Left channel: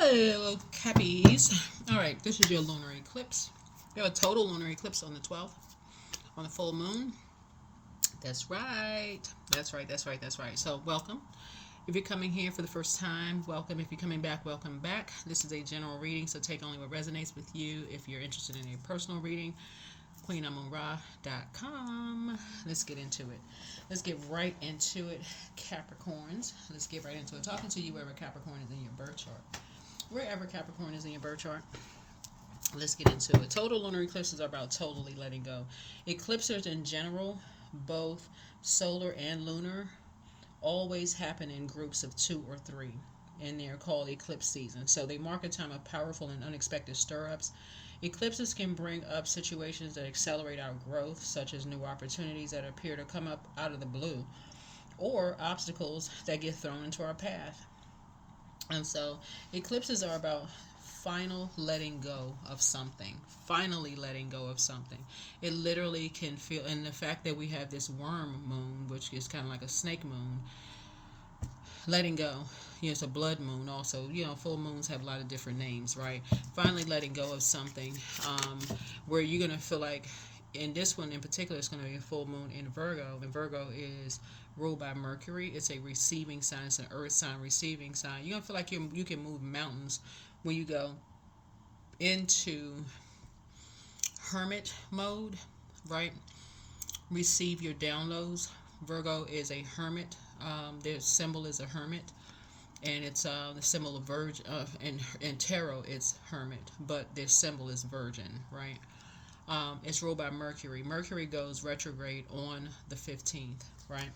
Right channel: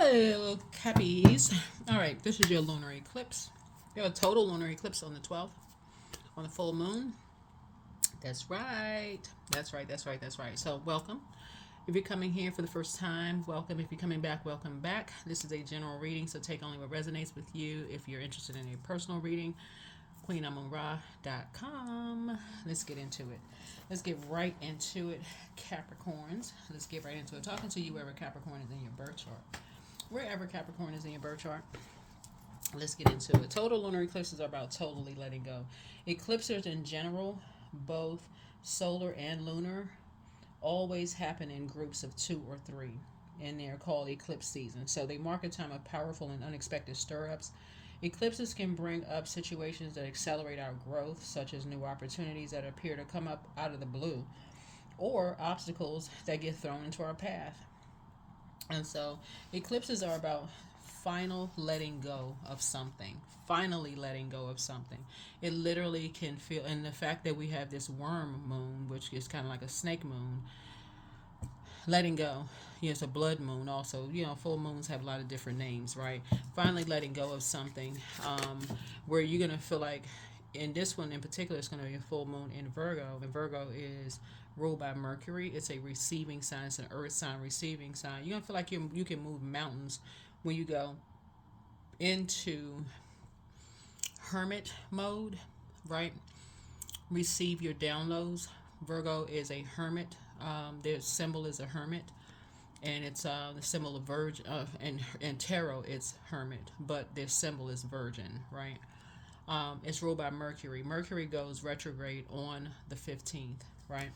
Hello, Cappies. All right, this is your lunar eclipse. You have a total lunar eclipse on the 12th, on the full moon. That's right. That's right. That's right. That's right. So, welcome. If you're coming here for the first time, welcome. If you're coming back, welcome back. This is a general reading, so take only what resonates with you. If you're interested in a personal reading, QueenAmunRa.com. Let's get into it. Let's get right into it, Capricorns. Let's get right into it. Talking to you wherever Capricorn is in your birth chart. Wherever Capricorn is in your birth chart. Let's get into it. Total lunar eclipses are about totally letting go. Eclipses in general, both solar and lunar, always happen in groups of 2 or 3, and they're called eclipse season. So they mark a time of powerful and unexpected stir-ups. Eclipses can bring up situations that accelerate our growth, such as new opportunities that appear to come up out of the blue, or obstacles that get thrown into our path. And so eclipses are about final letting go of something. Finally letting go of something. It literally can feel, and the fact that we have this worm moon, which is kind of like a snake moon, letting go. Yeah, it's a blood moon also. Full moons have a lot of different names, right? Finally letting go of something where you're going to feel like, in this one in particular, it's going to be a full moon in Virgo. And Virgo is ruled by Mercury. It's a receiving sign. It's an earth sign, receiving sign. You're going to feel like you can move mountains when you go into hermit mode, right? Receive your downloads. Virgo is a hermit. Their symbol is a hermit, and it's the symbol of virgin. And tarot, it's hermit, but their symbol is virgin, right? It's ruled by Mercury. Mercury goes retrograde on the 15th, right?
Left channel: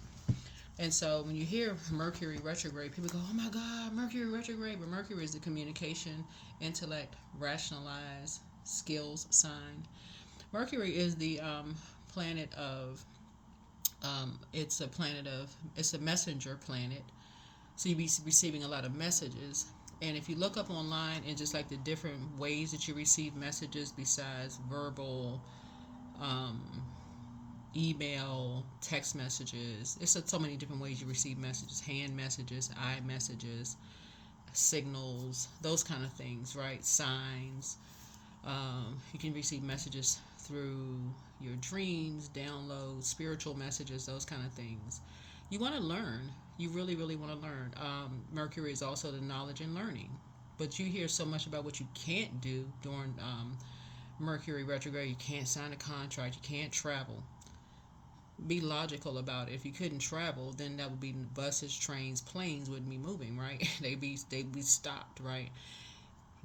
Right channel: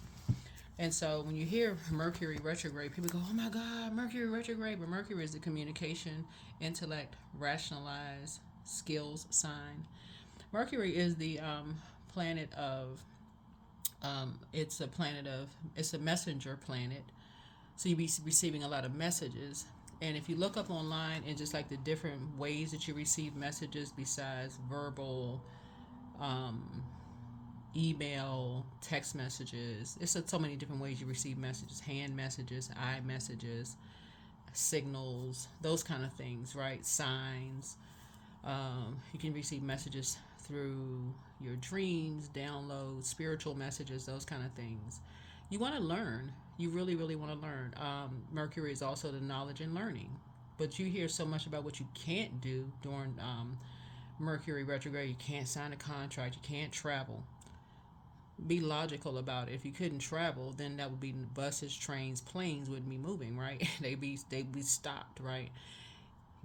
And so when you hear Mercury retrograde, people go, "Oh my God, Mercury retrograde!" But Mercury is the communication, intellect, rationalize, skills sign. Mercury is the planet of. It's a messenger planet. So you'll be receiving a lot of messages. And if you look up online and just like the different ways that you receive messages besides verbal, email, text messages, it's so many different ways you receive messages: hand messages, eye messages, signals, those kind of things, right? Signs. You can receive messages through your dreams, downloads, spiritual messages, those kind of things. You want to learn. You really, really want to learn. Mercury is also the knowledge and learning. But you hear so much about what you can't do during Mercury retrograde. You can't sign a contract. You can't travel. Be logical about it. If you couldn't travel, then that would be buses, trains, planes wouldn't be moving, right? they'd be stopped, right?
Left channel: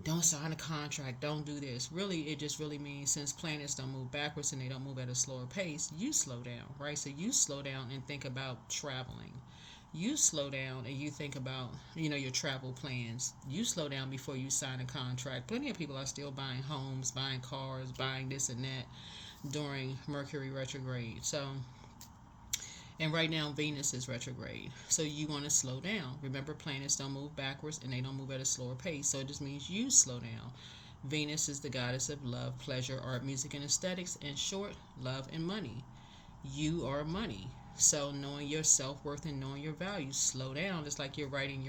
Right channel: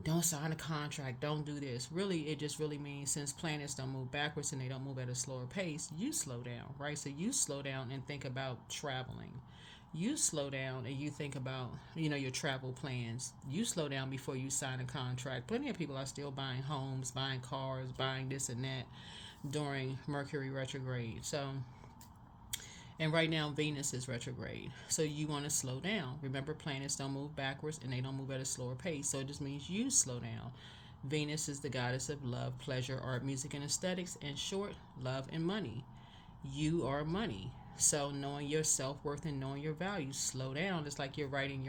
Don't sign a contract. Don't do this. Really, it just really means since planets don't move backwards and they don't move at a slower pace, you slow down, right? So you slow down and think about traveling. You slow down and you think about, your travel plans. You slow down before you sign a contract. Plenty of people are still buying homes, buying cars, buying this and that during Mercury retrograde. And right now, Venus is retrograde. So you want to slow down. Remember, planets don't move backwards and they don't move at a slower pace. So it just means you slow down. Venus is the goddess of love, pleasure, art, music, and aesthetics. In short, love and money. You are money. So knowing your self-worth and knowing your value, slow down. It's like you're writing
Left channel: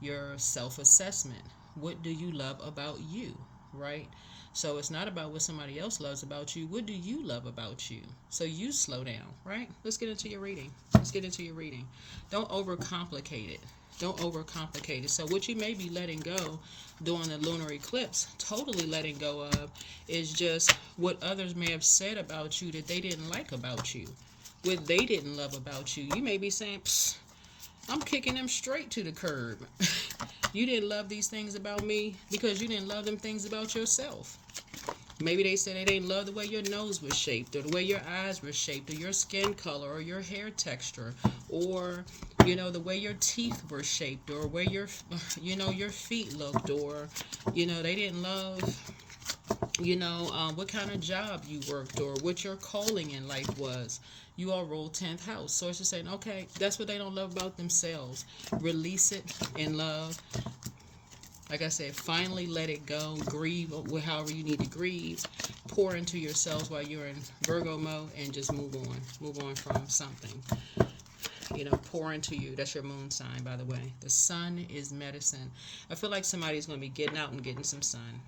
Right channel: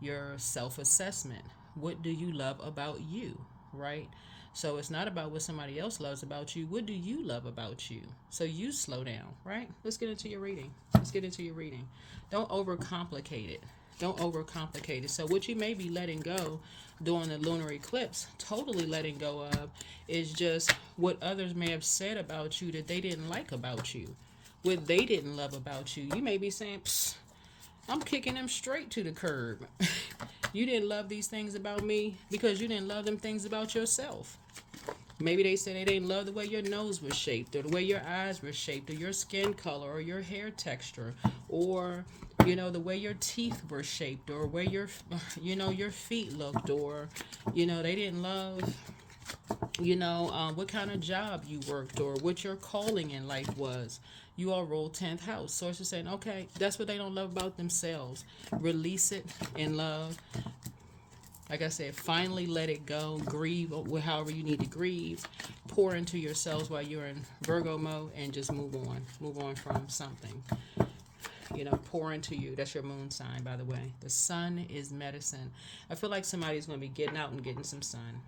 your self-assessment. What do you love about you, right? So it's not about what somebody else loves about you. What do you love about you? So you slow down, right? Let's get into your reading. Don't overcomplicate it. So what you may be letting go during the lunar eclipse, totally letting go of, is just what others may have said about you that they didn't like about you, what they didn't love about you. You may be saying, "Psst, I'm kicking them straight to the curb." You didn't love these things about me because you didn't love them things about yourself. Maybe they said they didn't love the way your nose was shaped, or the way your eyes were shaped, or your skin color, or your hair texture, or the way your teeth were shaped, or where your feet looked, or they didn't love what kind of job you worked, or what your calling in life was. You all roll 10th house. So it's just saying, okay, that's what they don't love about themselves. Release it in love. Like I said, finally let it go. Grieve however you need to grieve. Pour into yourselves while you're in Virgo mode and just move on. Move on from something. you know, pour into you. That's your moon sign, by the way. The sun is medicine. I feel like somebody's going to be getting out and getting some sun.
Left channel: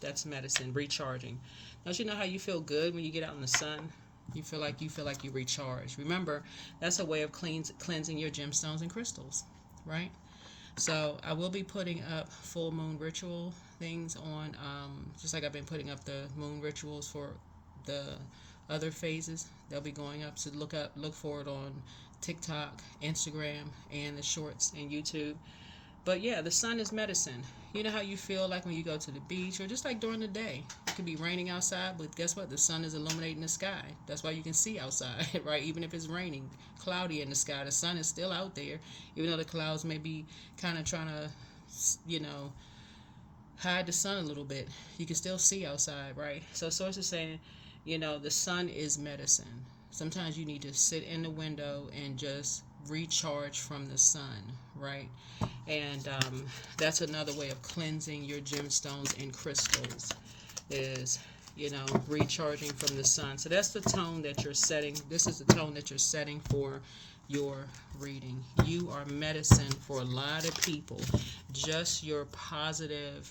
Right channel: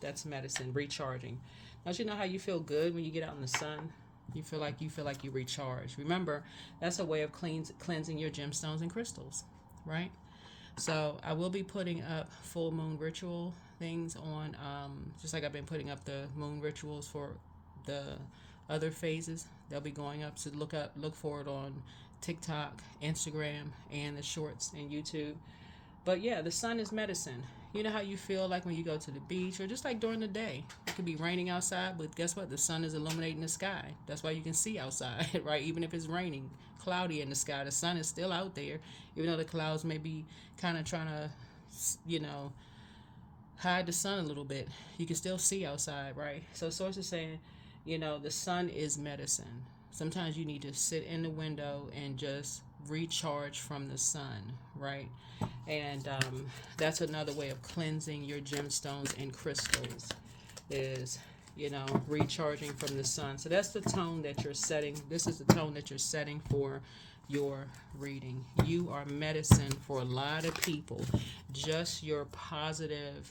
That's medicine, recharging. Don't you know how you feel good when you get out in the sun? You feel like you recharge. Remember, that's a way of cleansing your gemstones and crystals, right? So I will be putting up full moon ritual things on, just like I've been putting up the moon rituals for the other phases. They'll be going up. So look for it on TikTok, Instagram, and the shorts and YouTube. But yeah, the sun is medicine. You know how you feel like when you go to the beach or just like during the day. It could be raining outside, but guess what? The sun is illuminating the sky. That's why you can see outside, right? Even if it's raining, cloudy in the sky, the sun is still out there. Even though the clouds may be kind of trying to, you know, hide the sun a little bit, you can still see outside, right? So source is saying, you know, the sun is medicine. Sometimes you need to sit in the window and just recharge from the sun, right? And that's another way of cleansing your gemstones and crystals is, you know, recharging from the sun. So that's the tone that you're setting. This is the tone that you're setting for your reading. You are medicine for a lot of people. Just your positive,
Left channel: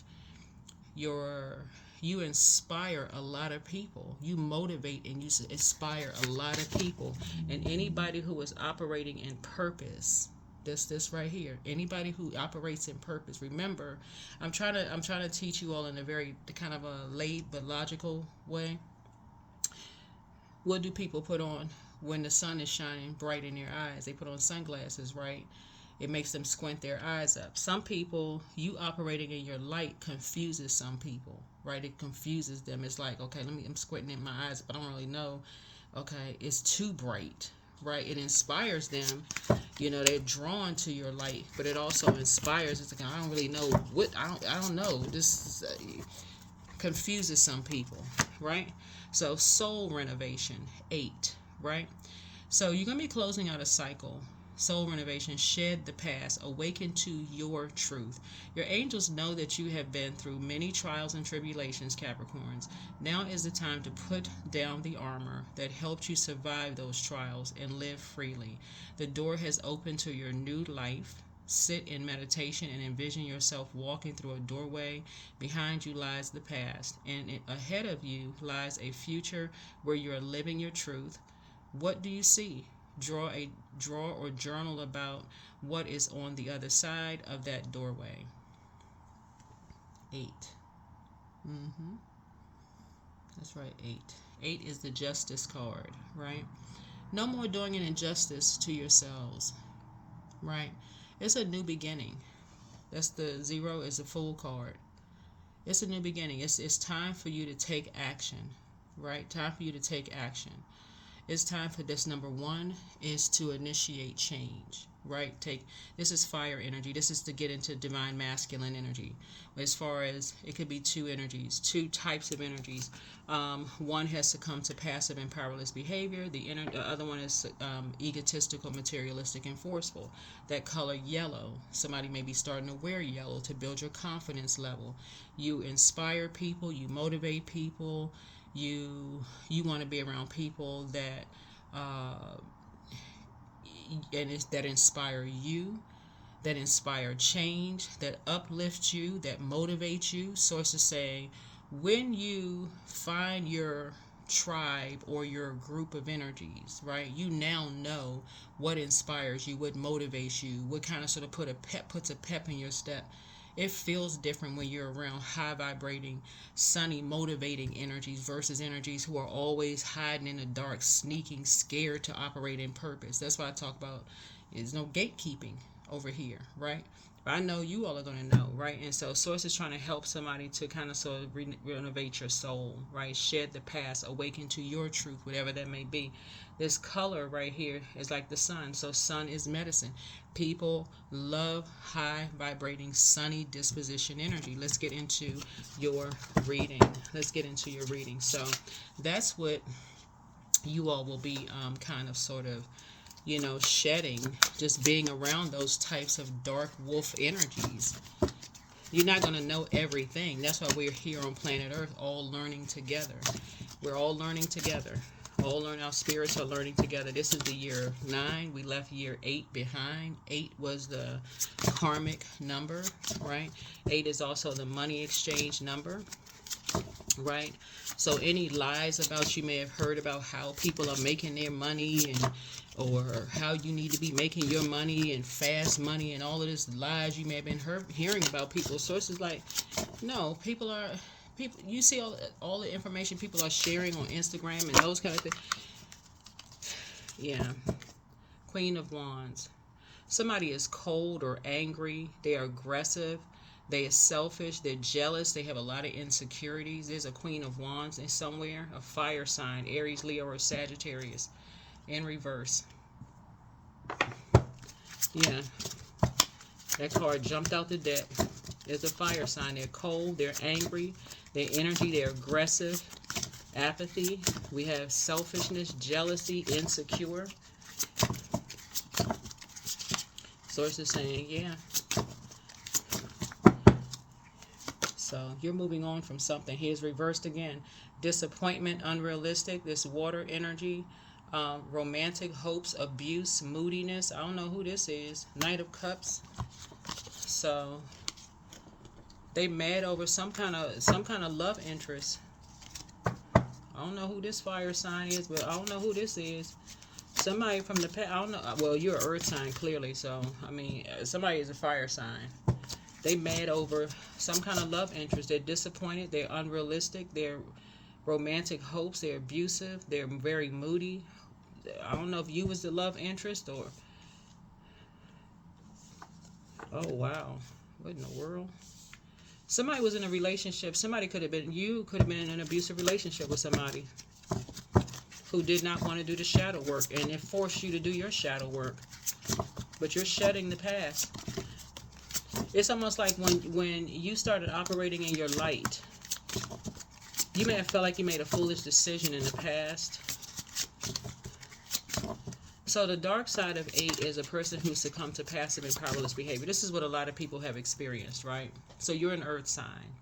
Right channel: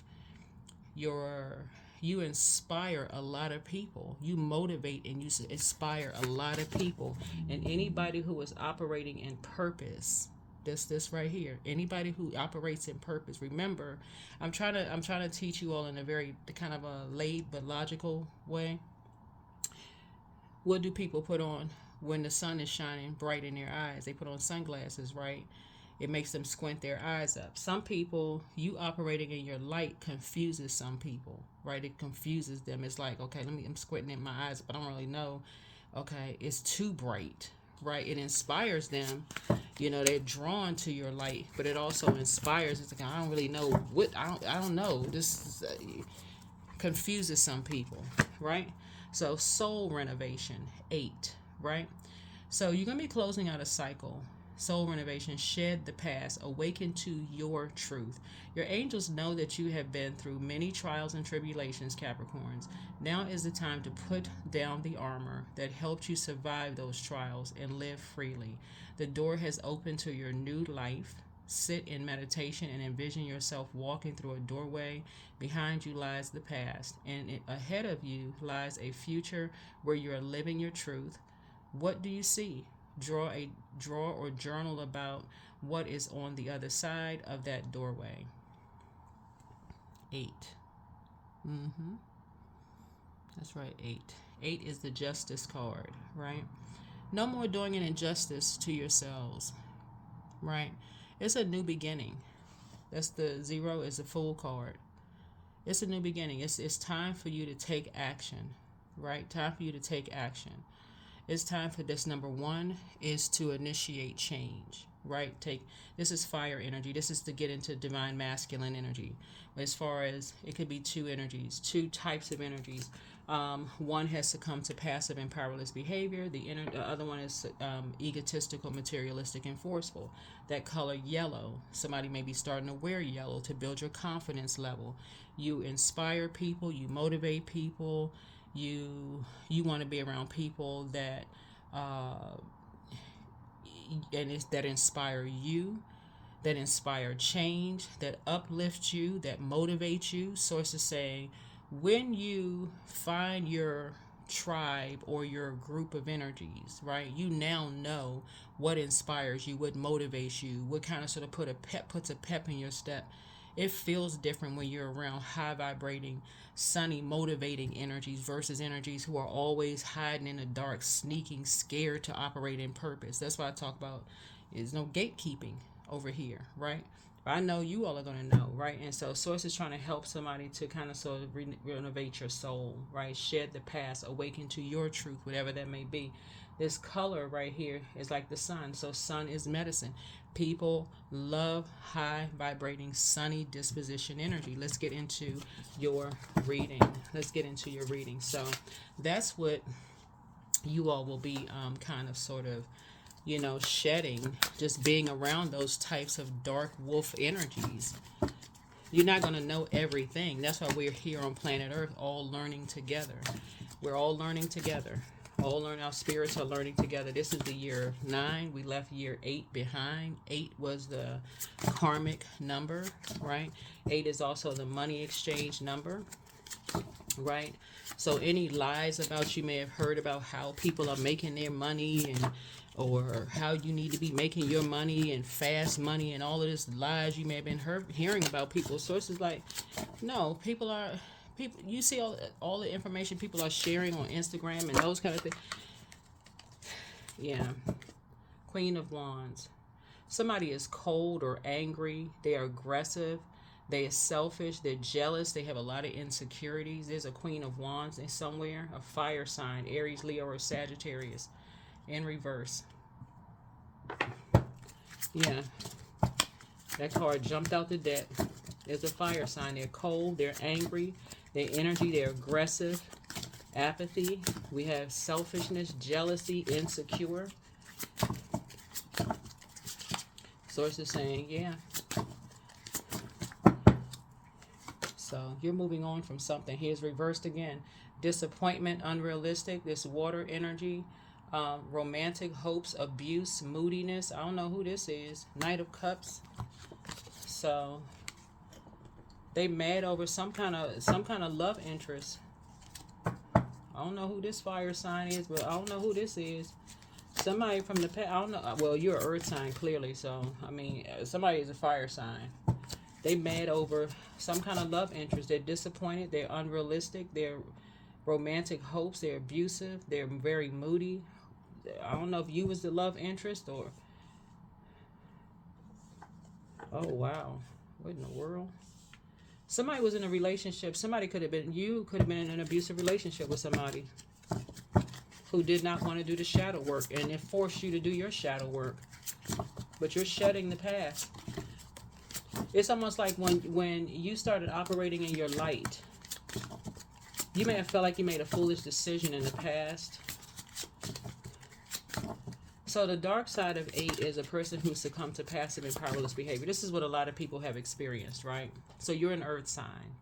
you inspire a lot of people. You motivate and you inspire a lot of people. And anybody who is operating in purpose, this right here, anybody who operates in purpose. Remember, I'm trying to teach you all in a very kind of a laid but logical way. What do people put on when the sun is shining bright in their eyes? They put on sunglasses, right? It makes them squint their eyes up. Some people, you operating in your light confuses some people, right? It confuses them. It's like, okay, I'm squinting in my eyes, but I don't really know. Okay, it's too bright, right? It inspires them. You know, they're drawn to your light, but it also inspires. It's like, I don't really know what, I don't know. This confuses some people, right? So soul renovation, 8, right? So you're going to be closing out a cycle. Soul renovation, shed the past, awaken to your truth. Your angels know that you have been through many trials and tribulations, Capricorns. Now is the time to put down the armor that helped you survive those trials and live freely. The door has opened to your new life. Sit in meditation and envision yourself walking through a doorway. Behind you lies the past, and ahead of you lies a future where you are living your truth. What do you see? Draw or journal about what is on the other side of that doorway. 8. That's right, 8. 8 is the justice card, right? No more doing an injustice to yourselves, right? It's a new beginning. That's the 0 is the Fool card. It's a new beginning. It's time for you to take action, right? Time for you to take action. It's time for this. Number 1 is to initiate change, right? This is fire energy. This is to get into divine masculine energy. As far as it could be 2 energies, 2 types of energies. One has succumbed to passive and powerless behavior. The other one is egotistical, materialistic, and forceful. That color yellow. Somebody may be starting to wear yellow to build your confidence level. You inspire people. You motivate people. You want to be around people that that inspire you, that inspire change, that uplift you, that motivate you. Sources say, when you find your tribe or your group of energies, right, you now know what inspires you, what motivates you, what kind of sort of puts a pep in your step. It feels different when you're around high vibrating, sunny, motivating energies versus energies who are always hiding in the dark, sneaking, scared to operate in purpose. That's why I talk about there's no gatekeeping over here, right? But I know you all are going to know, right? And so Source is trying to help somebody to kind of sort of renovate your soul, right? Shed the past, awaken to your truth, whatever that may be. This color right here is like the sun. So sun is medicine. People love high vibrating sunny disposition energy. Let's get into your reading. So that's what you all will be kind of sort of, you know, shedding, just being around those types of dark wolf energies. You're not going to know everything. That's why we're here on planet Earth, all learning together. We're all learning together. All learn our spirits are learning together. This is the year 9. We left year 8 behind. 8 was the karmic number, right? 8 is also the money exchange number, right? So any lies about you may have heard about how people are making their money, and or how you need to be making your money and fast money and all of this lies you may have been hearing about people's sources. Like, no, people, you see all the information people are sharing on Instagram and those kind of things. Yeah. Queen of Wands. Somebody is cold or angry. They are aggressive. They are selfish. They're jealous. They have a lot of insecurities. There's a Queen of Wands in somewhere. A fire sign. Aries, Leo, or Sagittarius. In reverse. Yeah. That card jumped out the deck. There's a fire sign. They're cold. They're angry. Their energy. They're aggressive. Apathy. We have selfishness, jealousy, insecure. Source is saying, yeah. So you're moving on from something. Here's reversed again. Disappointment, unrealistic. This water energy. Romantic hopes, abuse, moodiness. I don't know who this is. Knight of Cups. So they mad over some kind of love interest. I don't know who this fire sign is, but I don't know who this is. Somebody from the past. I don't know. Well, you're an earth sign clearly, so I mean, somebody is a fire sign. They mad over some kind of love interest. They're disappointed. They're unrealistic. They're romantic hopes. They're abusive. They're very moody. I don't know if you was the love interest or... Oh, wow. What in the world? Somebody was in a relationship. Somebody could have been... You could have been in an abusive relationship with somebody who did not want to do the shadow work, and it forced you to do your shadow work. But you're shedding the past. It's almost like when you started operating in your light, you may have felt like you made a foolish decision in the past. So the dark side of 8 is a person who succumbed to passive and powerless behavior. This is what a lot of people have experienced, right? So you're an earth sign.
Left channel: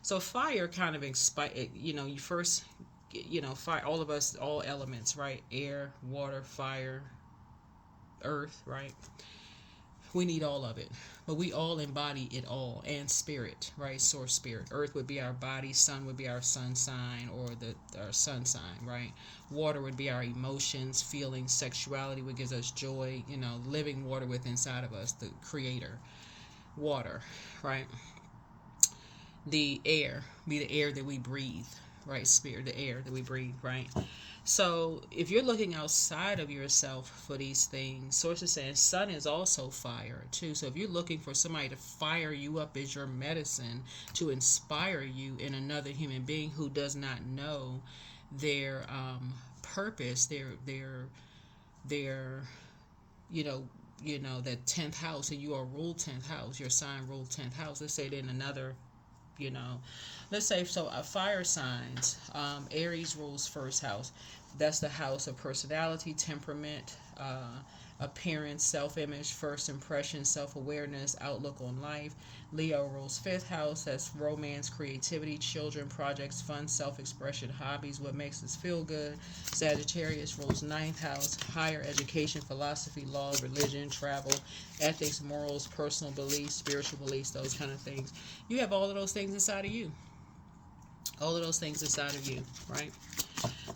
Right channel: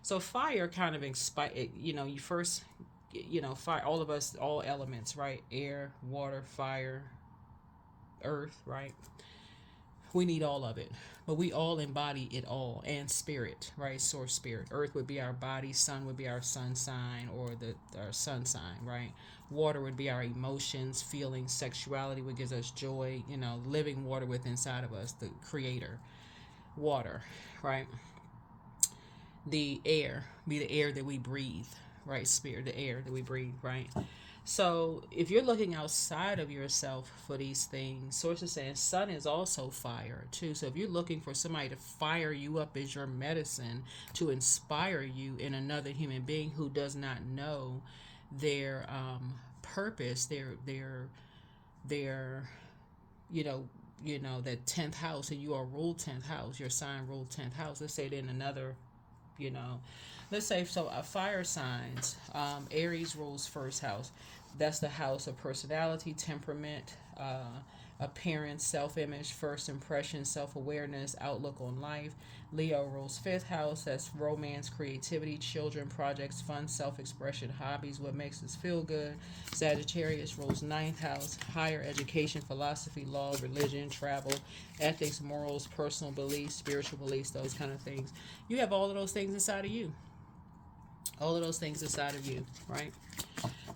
So fire kind of you first, fire, all of us, all elements, right? Air, water, fire, earth, right? We need all of it. But we all embody it all, and spirit, right? Source spirit. Earth would be our body, sun would be our sun sign, or our sun sign, right? Water would be our emotions, feelings, sexuality, what gives us joy, living water within inside of us, the creator. Water, right? The air, be the air that we breathe, right? Spirit, the air that we breathe, right? So if you're looking outside of yourself for these things, sources saying sun is also fire too. So if you're looking for somebody to fire you up as your medicine, to inspire you in another human being who does not know their purpose, their that 10th house, and you are ruled 10th house, your sign ruled 10th house. Let's say in another, let's say, so fire signs, Aries rules first house. That's the house of personality, temperament, appearance, self-image, first impression, self-awareness, outlook on life. Leo rules 5th house. That's romance, creativity, children, projects, fun, self-expression, hobbies, what makes us feel good. Sagittarius rules 9th house. Higher education, philosophy, law, religion, travel, ethics, morals, personal beliefs, spiritual beliefs, those kind of things. You have all of those things inside of you. All of those things inside of you, right?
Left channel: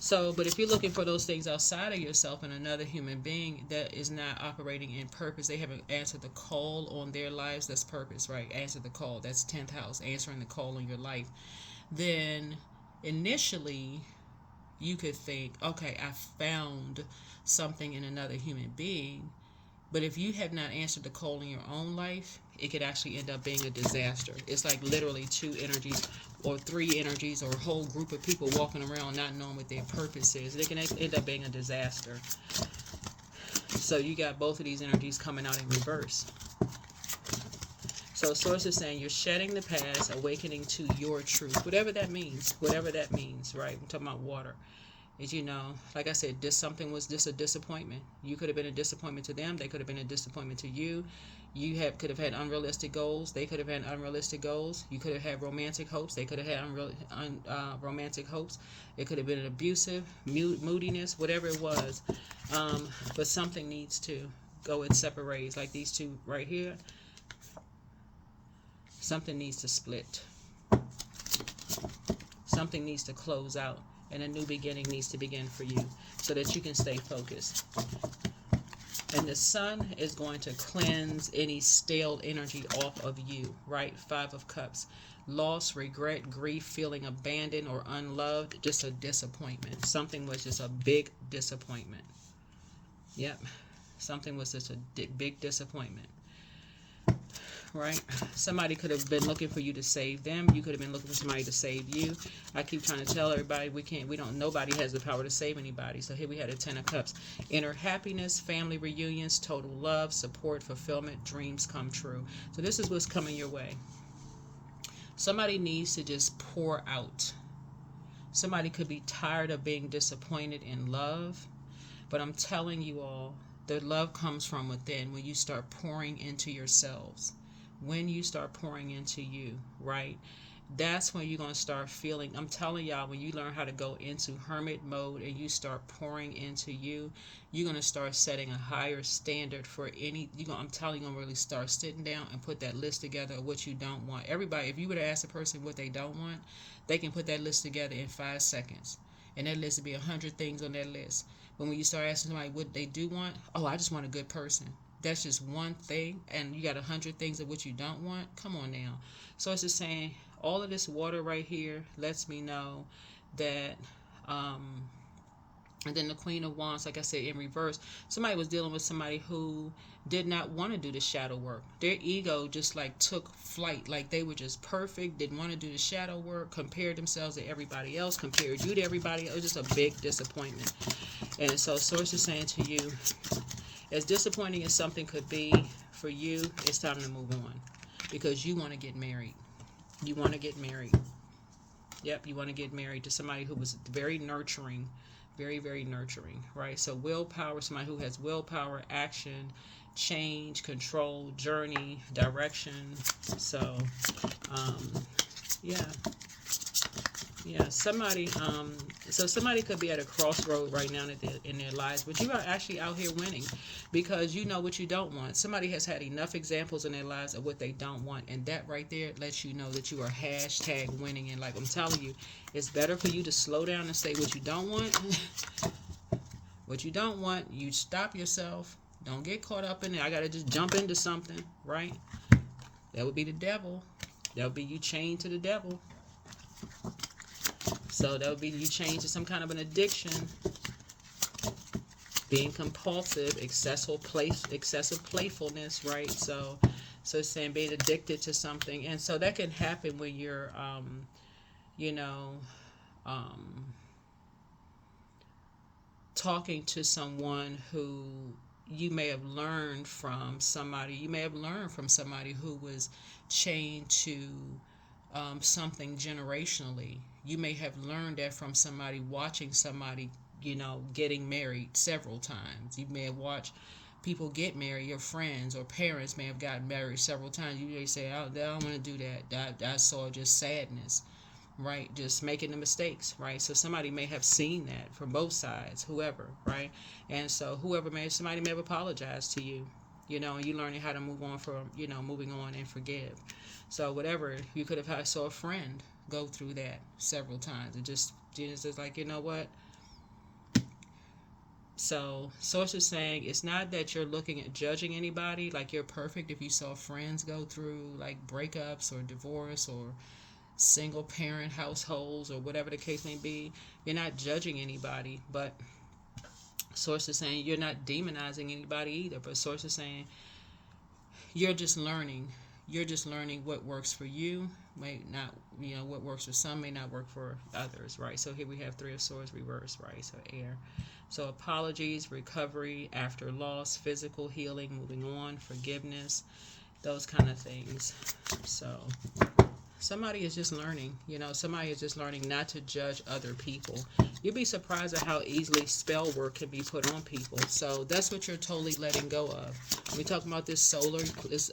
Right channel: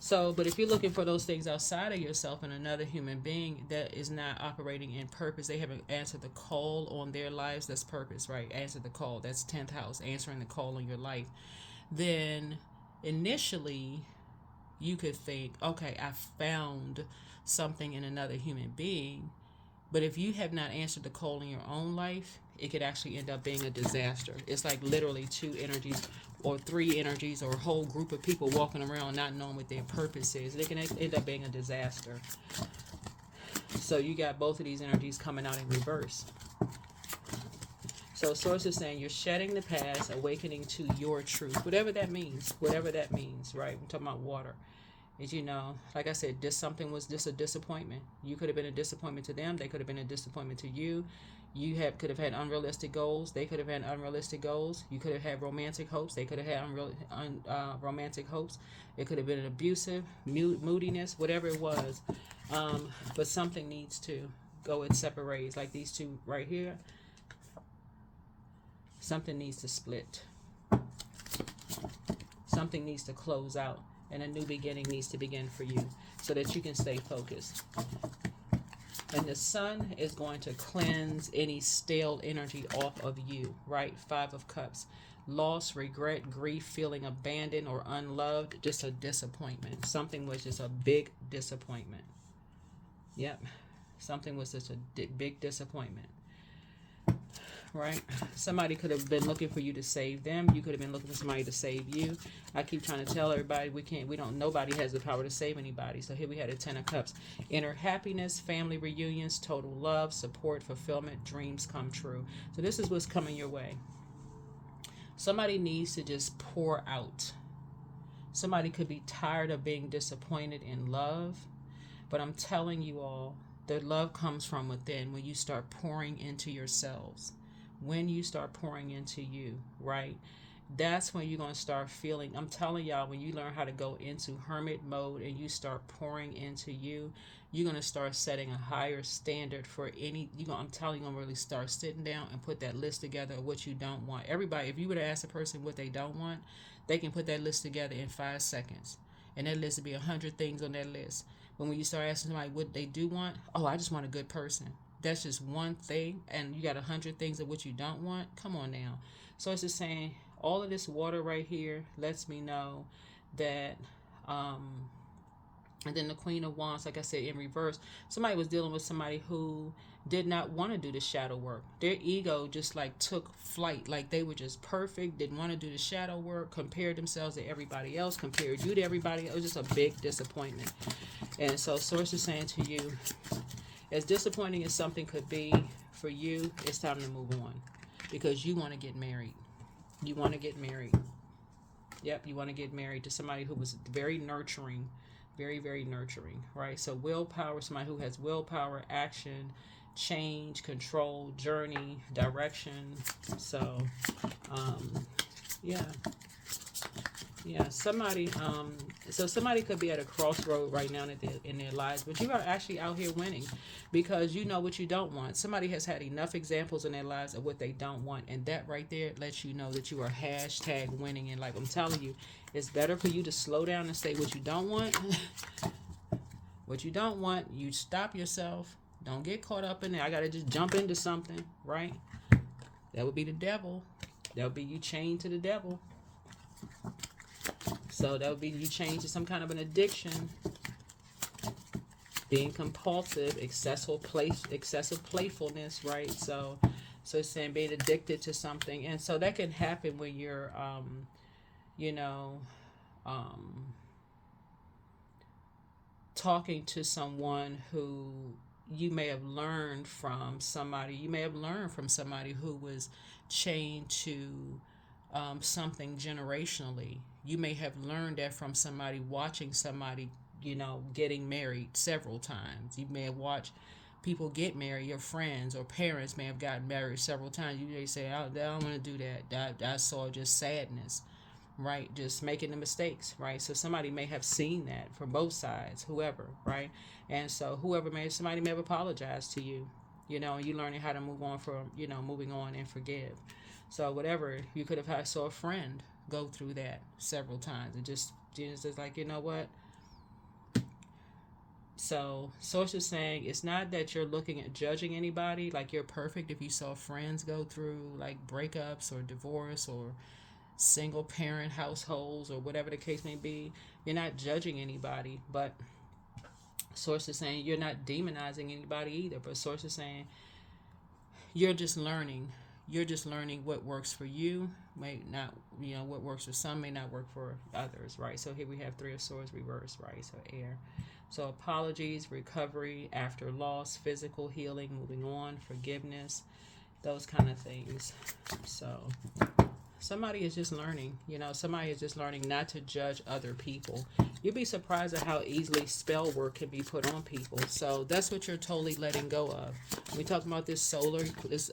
So, but if you're looking for those things outside of yourself and another human being that is not operating in purpose, they haven't answered the call on their lives, that's purpose, right? Answer the call, that's 10th house, answering the call on your life. Then initially you could think, okay, I found something in another human being. But if you have not answered the call in your own life, it could actually end up being a disaster. It's like literally 2 energies or 3 energies or a whole group of people walking around not knowing what their purpose is. It can end up being a disaster. So you got both of these energies coming out in reverse. So source is saying you're shedding the past, awakening to your truth. Whatever that means, right? I'm talking about water. is, you know, like I said, this something was just a disappointment. You could have been a disappointment to them. They could have been a disappointment to you. Could have had unrealistic goals. They could have had unrealistic goals. You could have had romantic hopes. They could have had romantic hopes. It could have been an abusive, moodiness, whatever it was. But something needs to go in separate ways. Like these two right here. Something needs to split. Something needs to close out. And a new beginning needs to begin for you so that you can stay focused. And the sun is going to cleanse any stale energy off of you, right? 5 of Cups. Loss, regret, grief, feeling abandoned or unloved, just a disappointment. Something was just a big disappointment. Yep. Something was just a big disappointment. Right? Somebody could have been looking for you to save them. You could have been looking for somebody to save you. I keep trying to tell everybody nobody has the power to save anybody. So here we had a 10 of Cups. Inner happiness, family reunions, total love, support, fulfillment, dreams come true. So this is what's coming your way. Somebody needs to just pour out. Somebody could be tired of being disappointed in love. But I'm telling you all, the love comes from within when you start pouring into yourselves. When you start pouring into you, right? That's when you're going to start feeling, I'm telling y'all, when you learn how to go into hermit mode and you start pouring into you, you're going to start setting a higher standard for I'm telling you, you're going to really start sitting down and put that list together of what you don't want. Everybody, if you were to ask a person what they don't want, they can put that list together in 5 seconds. And that list would be 100 things on that list. But when you start asking somebody what they do want, I just want a good person. That's just one thing, and you got 100 things of what you don't want. Come on now. So it's just saying, all of this water right here lets me know that, and then the Queen of Wands, like I said, in reverse, somebody was dealing with somebody who did not want to do the shadow work. Their ego just like took flight, like they were just perfect, didn't want to do the shadow work, compared themselves to everybody else, compared you to everybody else. It was just a big disappointment. And so Source is saying to you, as disappointing as something could be for you, it's time to move on. Because you want to get married. You want to get married. Yep, you want to get married to somebody who was very nurturing. Very, very nurturing, right? So willpower, somebody who has willpower, action, change, control, journey, direction. So, yeah. Somebody, so somebody could be at a crossroad right now in their lives, but you are actually out here winning because you know what you don't want. Somebody has had enough examples in their lives of what they don't want, and that right there lets you know that you are hashtag winning in life. I'm telling you, it's better for you to slow down and say what you don't want. What you don't want, you stop yourself. Don't get caught up in it. I got to just jump into something, right? That would be the devil. That would be you chained to the devil. So that would be you chained to some kind of an addiction, being compulsive, excessive playfulness, right? So it's saying being addicted to something, and so that can happen when you're, talking to someone who you may have learned from somebody. You may have learned from somebody who was chained to something generationally. You may have learned that from somebody watching somebody, getting married several times. You may have watched people get married. Your friends or parents may have gotten married several times. You may say, I don't want to do that. I saw just sadness, right? Just making the mistakes, right? So somebody may have seen that from both sides, whoever, right? And so somebody may have apologized to you, you're learning how to move on moving on and forgive. So whatever, you could have saw a friend go through that several times. It just like, you know what? So Source is saying it's not that you're looking at judging anybody like you're perfect. If you saw friends go through like breakups or divorce or single parent households or whatever the case may be, you're not judging anybody. But Source is saying you're not demonizing anybody either. But Source is saying you're just learning. You're just learning what works for you. May not, what works for some may not work for others, right? So here we have 3 of Swords reversed, right? So air. So apologies, recovery after loss, physical healing, moving on, forgiveness, those kind of things. So Somebody is just learning, you know, somebody is just learning not to judge other people. You'd be surprised at how easily spell work can be put on people. So that's what you're totally letting go of. We talk about this this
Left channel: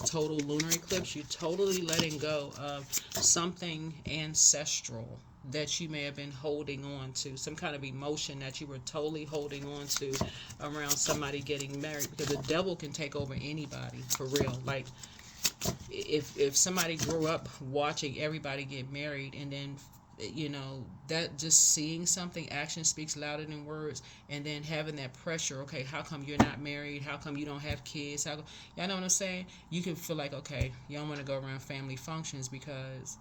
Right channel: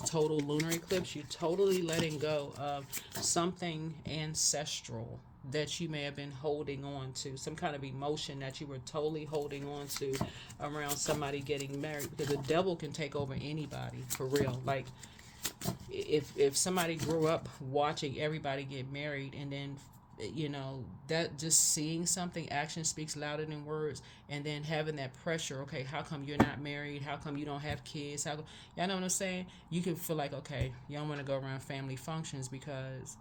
total lunar eclipse. You're totally letting go of something ancestral that you may have been holding on to, some kind of emotion that you were totally holding on to around somebody getting married. Because the devil can take over anybody, for real. Like, if somebody grew up watching everybody get married, and then, you know, that just seeing something, action speaks louder than words, and then having that pressure, okay, how come you're not married, how come you don't have kids, y'all know what I'm saying? You can feel like, okay, you don't want to go around family functions because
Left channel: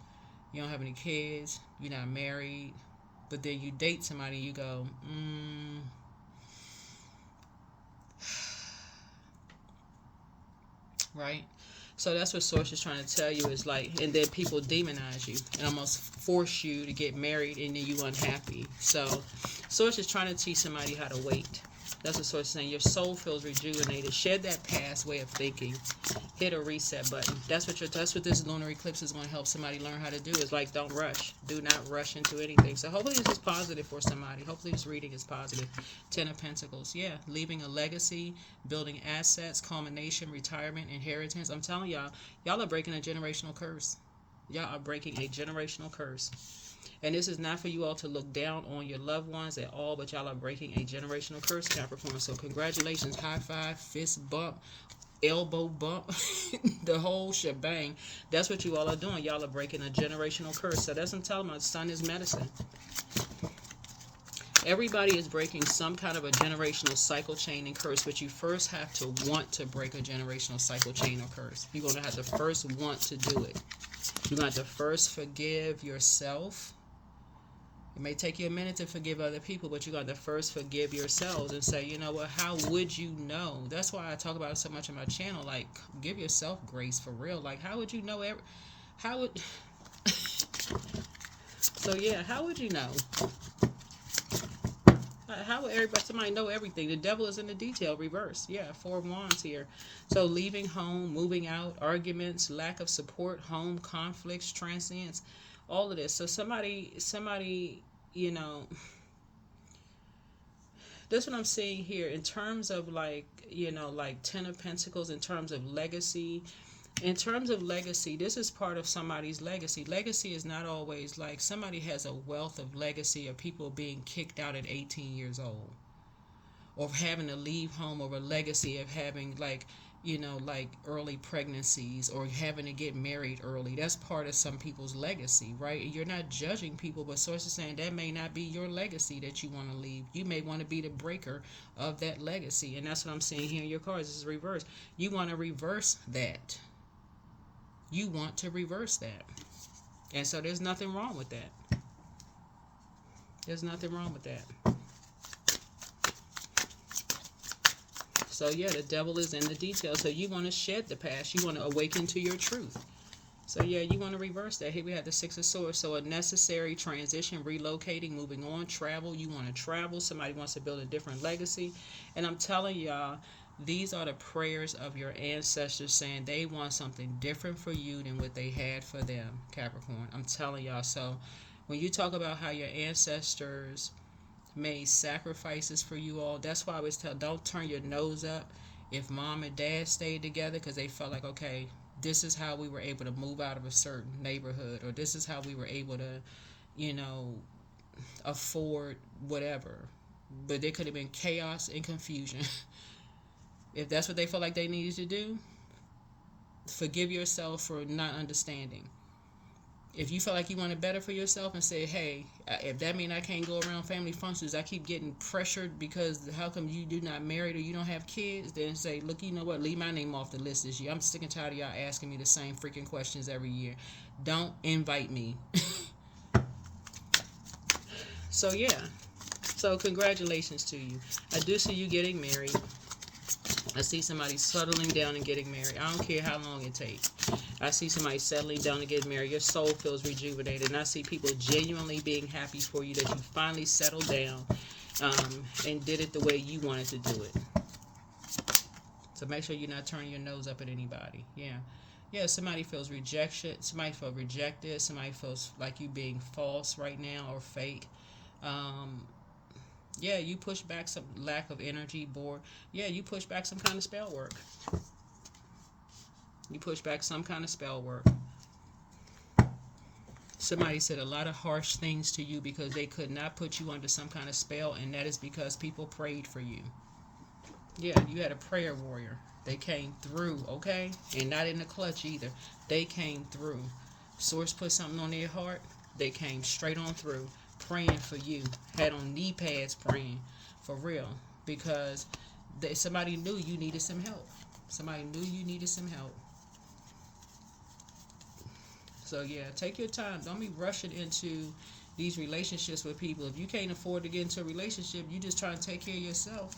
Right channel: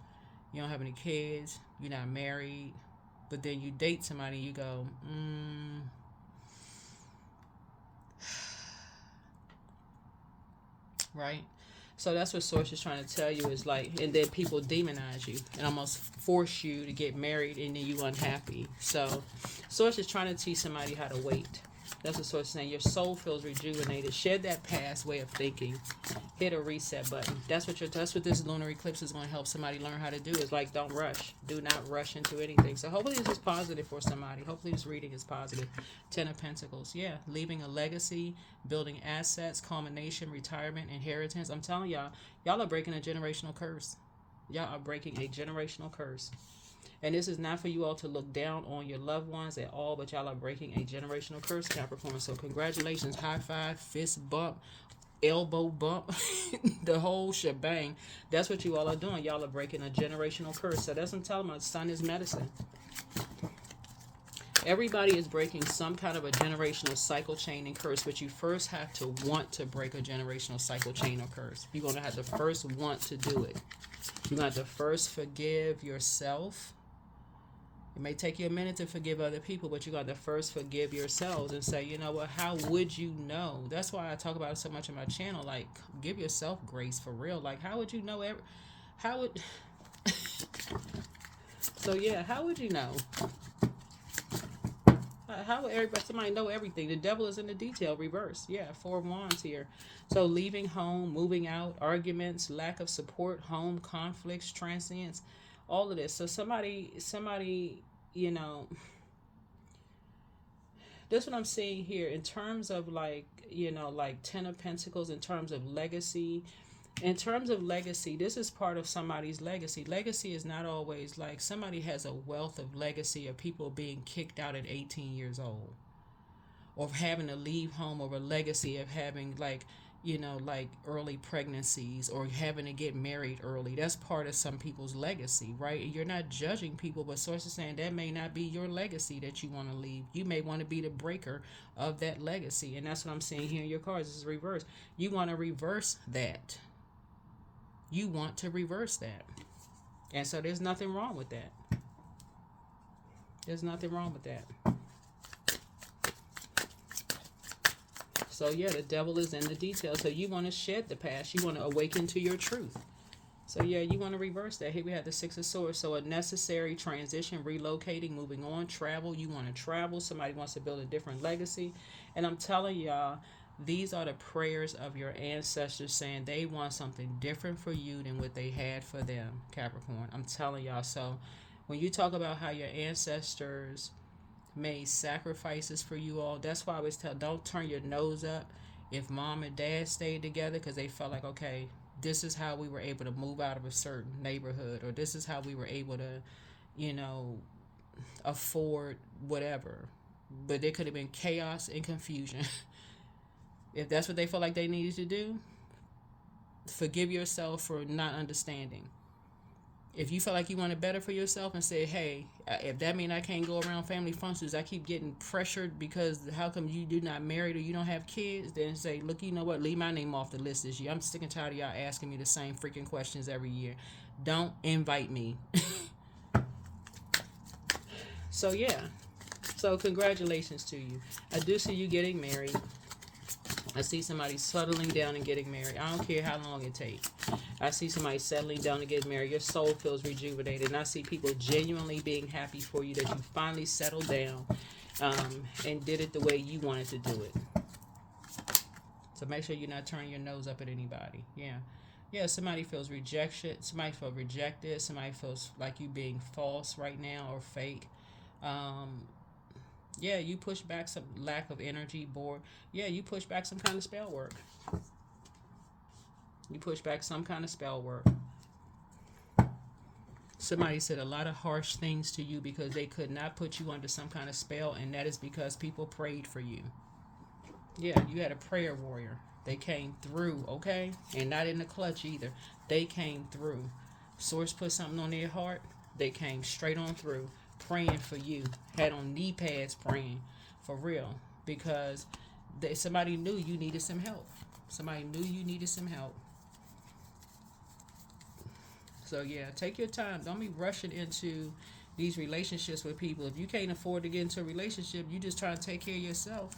you don't have any kids, you're not married, but then you date somebody and you go, right? So that's what Source is trying to tell you, is like, and then people demonize you and almost force you to get married, and then you unhappy. So Source is trying to teach somebody how to wait. That's what Source is saying. Your soul feels rejuvenated. Shed that past way of thinking. Hit a reset button. That's what this lunar eclipse is going to help somebody learn how to do. Is like, don't rush. Do not rush into anything. So hopefully this is positive for somebody. Hopefully this reading is positive. 10 of Pentacles. Yeah. Leaving a legacy, building assets, culmination, retirement, inheritance. I'm telling y'all are breaking a generational curse. Y'all are breaking a generational curse. And this is not for you all to look down on your loved ones at all, but y'all are breaking a generational curse, Capricorn. So congratulations, high five, fist bump, elbow bump, the whole shebang. That's what you all are doing. Y'all are breaking a generational curse. So that's what I'm telling you. Sun is medicine. Everybody is breaking some kind of a generational cycle chain and curse, but you first have to want to break a generational cycle chain or curse. You're going to have to first want to do it. You're going to have to first forgive yourself. It may take you a minute to forgive other people, but you got to first forgive yourselves and say, you know what, how would you know? That's why I talk about it so much on my channel. Like, give yourself grace, for real. Like, how would you know? How would you know? How would somebody know everything? The devil is in the detail, reverse. Yeah, 4 of Wands here. So leaving home, moving out, arguments, lack of support, home conflicts, transience, all of this. So somebody, you know, that's what I'm seeing here in terms of, like, you know, like 10 of Pentacles, in terms of legacy. In terms of legacy, this is part of somebody's legacy. Legacy is not always like somebody has a wealth of legacy of people being kicked out at 18 years old, or having to leave home, or a legacy of having, like, you know, like early pregnancies, or having to get married early. That's part of some people's legacy, right? You're not judging people, but Source is saying that may not be your legacy that you want to leave. You may want to be the breaker of that legacy, and that's what I'm seeing here in your cards. This is reverse. You want to reverse that. You want to reverse that. And so there's nothing wrong with that. There's nothing wrong with that. So yeah, the devil is in the details. So you want to shed the past. You want to awaken to your truth. So yeah, you want to reverse that. Here we have the 6 of Swords. So a necessary transition, relocating, moving on, travel. You want to travel. Somebody wants to build a different legacy. And I'm telling y'all, these are the prayers of your ancestors saying they want something different for you than what they had for them, Capricorn. I'm telling y'all. So when you talk about how your ancestors made sacrifices for you all, that's why I always tell, don't turn your nose up if mom and dad stayed together, because they felt like, okay, this is how we were able to move out of a certain neighborhood, or this is how we were able to, you know, afford whatever. But there could have been chaos and confusion. If that's what they felt like they needed to do, forgive yourself for not understanding. If you feel like you wanted better for yourself and say, hey, if that means I can't go around family functions, I keep getting pressured because how come you not married or you don't have kids, then say, look, you know what, leave my name off the list this year. I'm sick and tired of y'all asking me the same freaking questions every year. Don't invite me. So yeah, so congratulations to you. I do see you getting married. I see somebody settling down and getting married. I don't care how long it takes. I see somebody settling down and getting married. Your soul feels rejuvenated. And I see people genuinely being happy for you that you finally settled down and did it the way you wanted to do it. So make sure you're not turning your nose up at anybody. Yeah. Yeah, somebody feels rejection. Somebody feels rejected. Somebody feels like you being false right now or fake. Um, yeah, you push back some lack of energy, bored. Yeah, you push back some kind of spell work. You push back some kind of spell work. Somebody said a lot of harsh things to you because they could not put you under some kind of spell, and that is because people prayed for you. Yeah, you had a prayer warrior. They came through, okay? And not in the clutch either. They came through. Source put something on their heart. They came straight on through, praying for you. Had on knee pads praying, for real. Because somebody knew you needed some help. Somebody knew you needed some help. So yeah, take your time. Don't be rushing into these relationships with people. If you can't afford to get into a relationship, you just try to take care of yourself.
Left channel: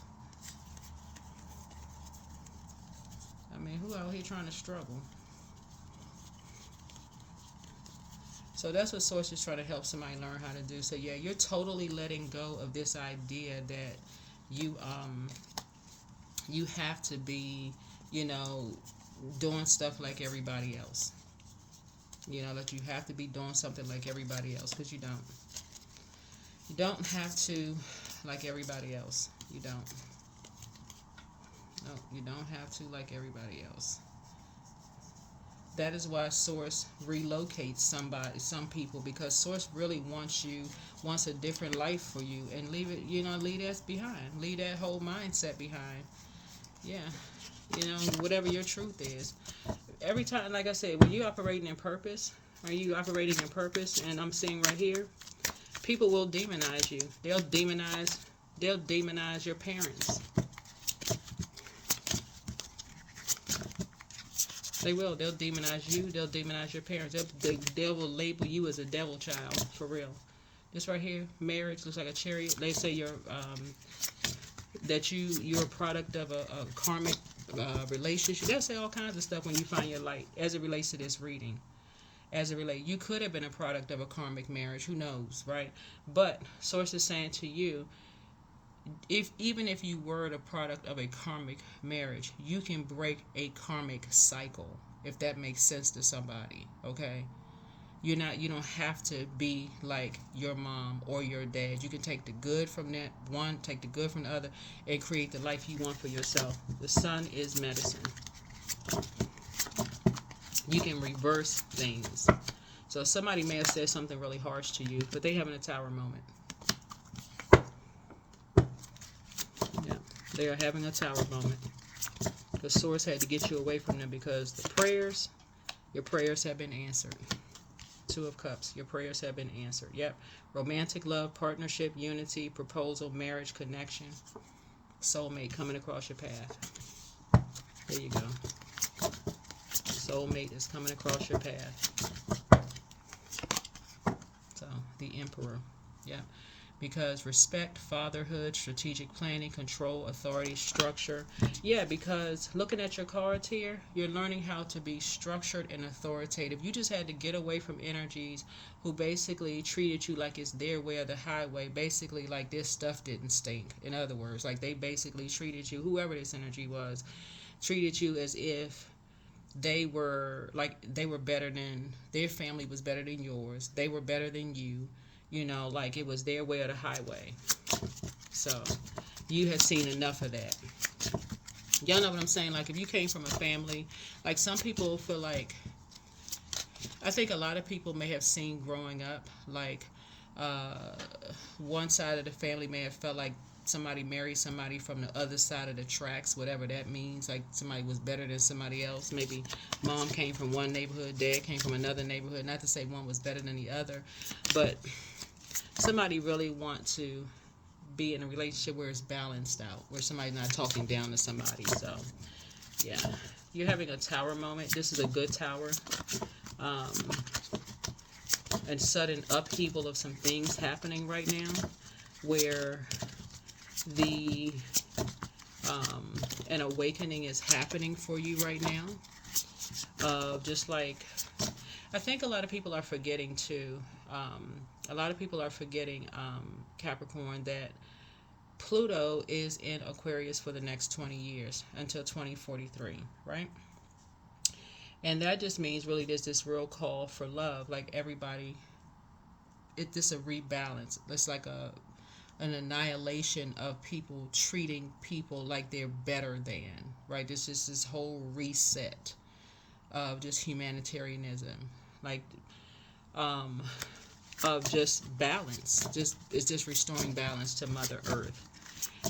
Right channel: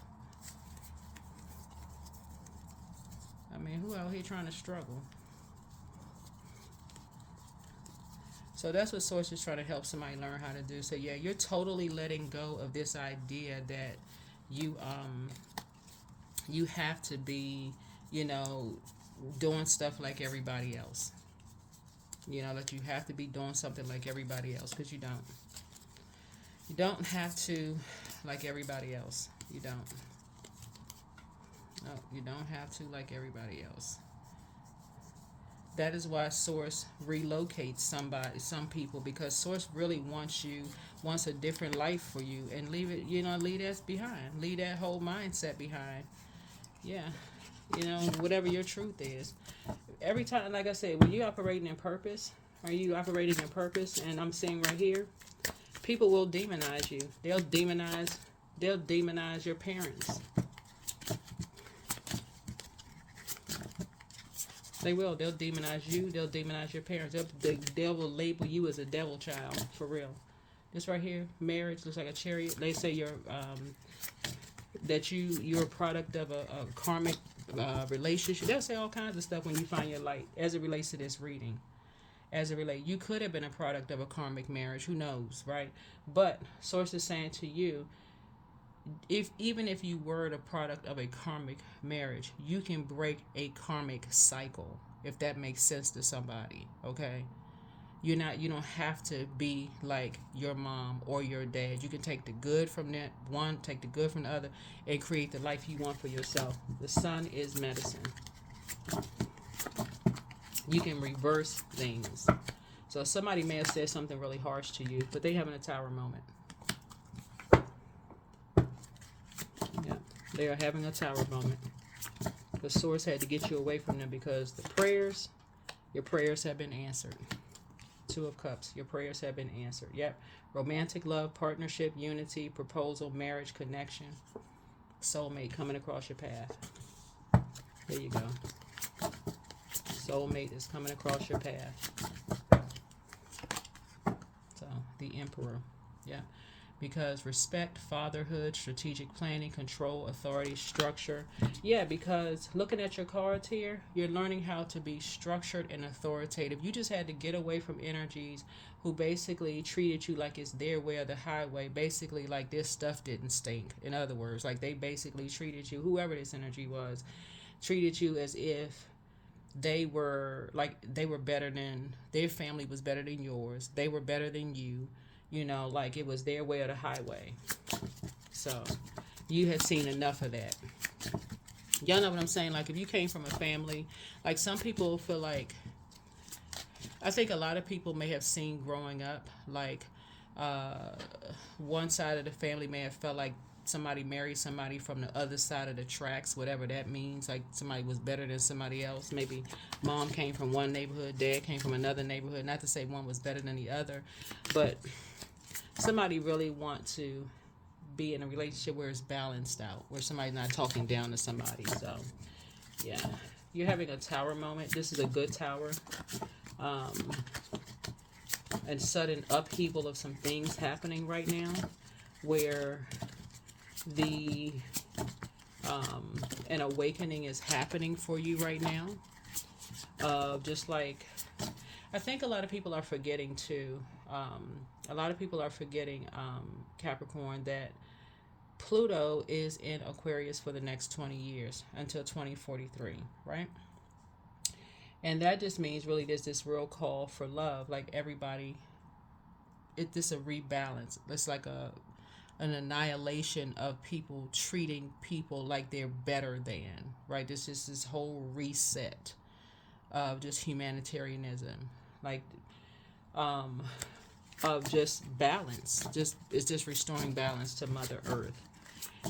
I mean, who out here trying to struggle? So that's what Source is trying to help somebody learn how to do. So yeah, you're totally letting go of this idea that you you have to be, doing stuff like everybody else. That you have to be doing something like everybody else, because you don't. You don't have to like everybody else. You don't. No, you don't have to like everybody else. That is why Source relocates some people, because Source really wants a different life for you, and leave that behind. Leave that whole mindset behind. Yeah. Whatever your truth is. Every time, like I said, when you're operating in purpose, and I'm seeing right here, people will demonize you. They'll demonize your parents. They will. They'll demonize you. They'll demonize your parents. They will label you as a devil child, for real. This right here, marriage looks like a chariot. They say you're a product of a karmic relationship. They'll say all kinds of stuff when you find your light, as it relates to this reading. You could have been a product of a karmic marriage. Who knows, right? But Source is saying to you, even if you were the product of a karmic marriage, you can break a karmic cycle, if that makes sense to somebody. Okay, you don't have to be like your mom or your dad. You can take the good from that one, take the good from the other, and create the life you want for yourself. The sun is medicine. You can reverse things. So somebody may have said something really harsh to you, but they having a tower moment. They are having a tower moment. The Source had to get you away from them, because your prayers have been answered. Two of Cups, your prayers have been answered. Yep. Romantic love, partnership, unity, proposal, marriage, connection, soulmate coming across your path. There you go. Soulmate is coming across your path. So, the Emperor. Yep. Because respect, fatherhood, strategic planning, control, authority, structure. Yeah, because looking at your cards here, you're learning how to be structured and authoritative. You just had to get away from energies who basically treated you like it's their way or the highway. Basically, like this stuff didn't stink. In other words, like they basically treated you, whoever this energy was, treated you as if they were better than, their family was better than yours. They were better than you. Like it was their way or the highway. So, you have seen enough of that. Y'all know what I'm saying? Like, if you came from a family, like some people feel like, I think a lot of people may have seen growing up, like, one side of the family may have felt like somebody married somebody from the other side of the tracks, whatever that means. Like, somebody was better than somebody else. Maybe mom came from one neighborhood, dad came from another neighborhood. Not to say one was better than the other, but somebody really want to be in a relationship where it's balanced out, where somebody's not talking down to somebody. So, yeah, you're having a tower moment. This is a good tower. And sudden upheaval of some things happening right now, where an awakening is happening for you right now. Just like, I think a lot of people are forgetting too. Capricorn, that Pluto is in Aquarius for the next 20 years until 2043, right? And that just means really there's this real call for love. Like everybody, it's just a rebalance. It's like an annihilation of people treating people like they're better than, right? This is this whole reset of just humanitarianism, like of just balance. Just it's just restoring balance to Mother Earth,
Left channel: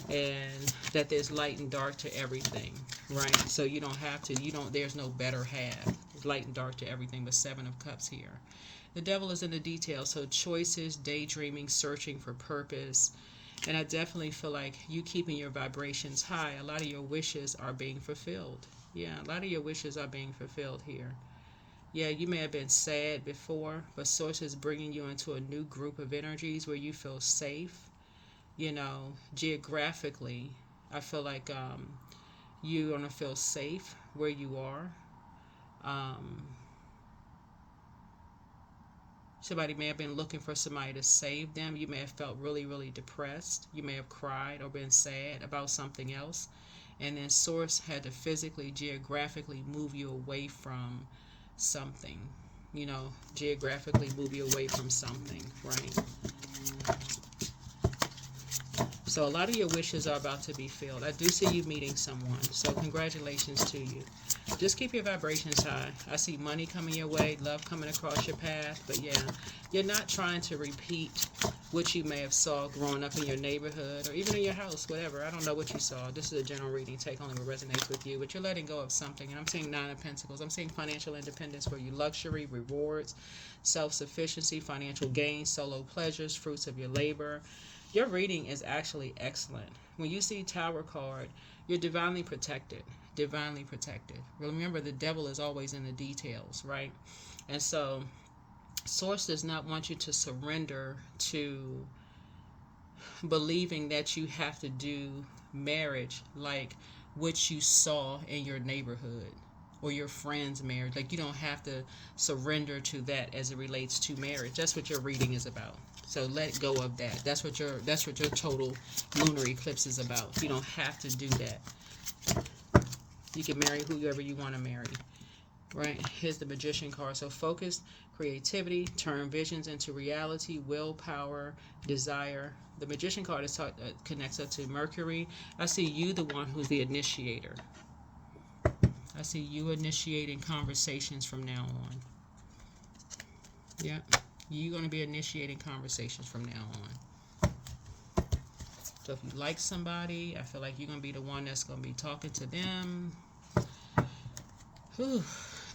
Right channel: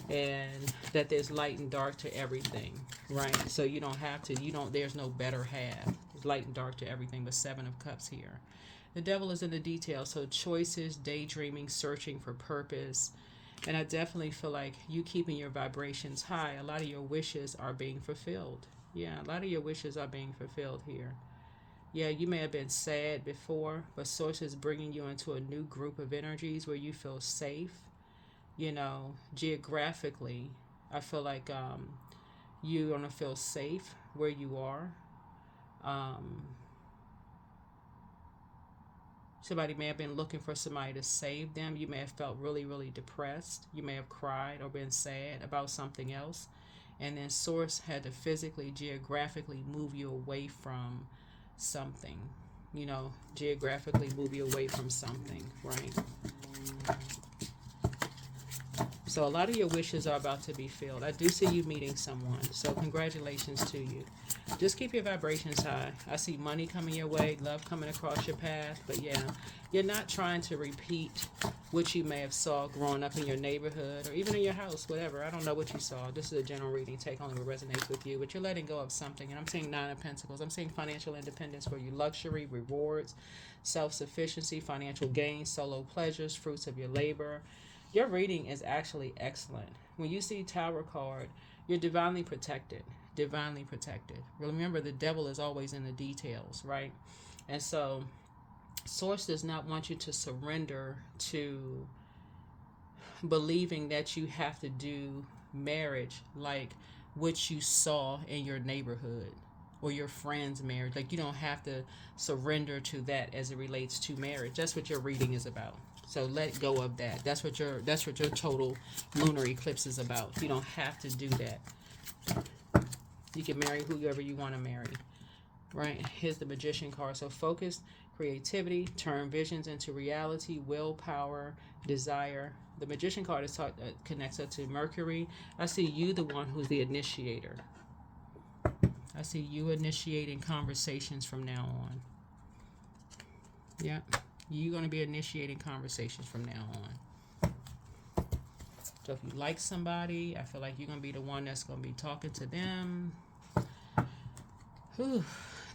and that there's light and dark to everything, right? So you don't have to. You don't. There's no better half. There's light and dark to everything. But Seven of Cups here. The devil is in the details. So choices, daydreaming, searching for purpose. And I definitely feel like you keeping your vibrations high, a lot of your wishes are being fulfilled. Yeah, a lot of your wishes are being fulfilled here. Yeah, you may have been sad before, but Source is bringing you into a new group of energies where you feel safe. You know, geographically, I feel like you're going to feel safe where you are. Somebody may have been looking for somebody to save them. You may have felt really, really depressed. You may have cried or been sad about something else. And then Source had to physically, geographically move you away from something. You know, geographically move you away from something, right? So a lot of your wishes are about to be filled. I do see you meeting someone. So congratulations to you. Just keep your vibrations high. I see money coming your way, love coming across your path. But yeah, you're not trying to repeat what you may have saw growing up in your neighborhood or even in your house, whatever. I don't know what you saw. This is a general reading. Take only what resonates with you. But you're letting go of something. And I'm seeing Nine of Pentacles. I'm seeing financial independence for you. Luxury, rewards, self-sufficiency, financial gain, solo pleasures, fruits of your labor. Your reading is actually excellent. When you see Tower card, you're divinely protected. Divinely protected. Remember, the devil is always in the details, right? And so, Source does not want you to surrender to believing that you have to do marriage like what you saw in your neighborhood or your friend's marriage. Like, you don't have to surrender to that as it relates to marriage. That's what your reading is about. So let go of that. That's what your total lunar eclipse is about. You don't have to do that. You can marry whoever you want to marry. Right? Here's the Magician card. So focus, creativity, turn visions into reality, willpower, desire. The Magician card is connects up to Mercury. I see you, the one who's the initiator. I see you initiating conversations from now on. Yeah. You're going to be initiating conversations from now on. So if you like somebody, I feel like you're going to be the one that's going to be talking to them. Whew,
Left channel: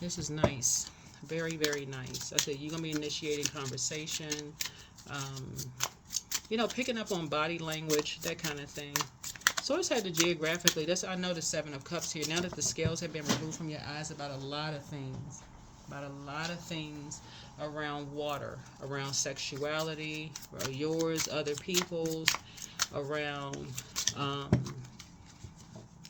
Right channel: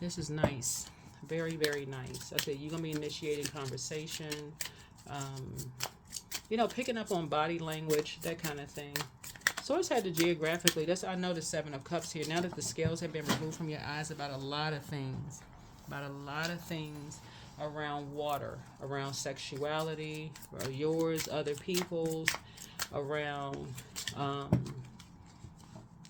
this is nice. Very, very nice. I said you're going to be initiating conversation. You know, picking up on body language, that kind of thing. Source had to geographically. I know the Seven of Cups here. Now that the scales have been removed from your eyes about a lot of things. About a lot of things around water, around sexuality, yours, other people's, around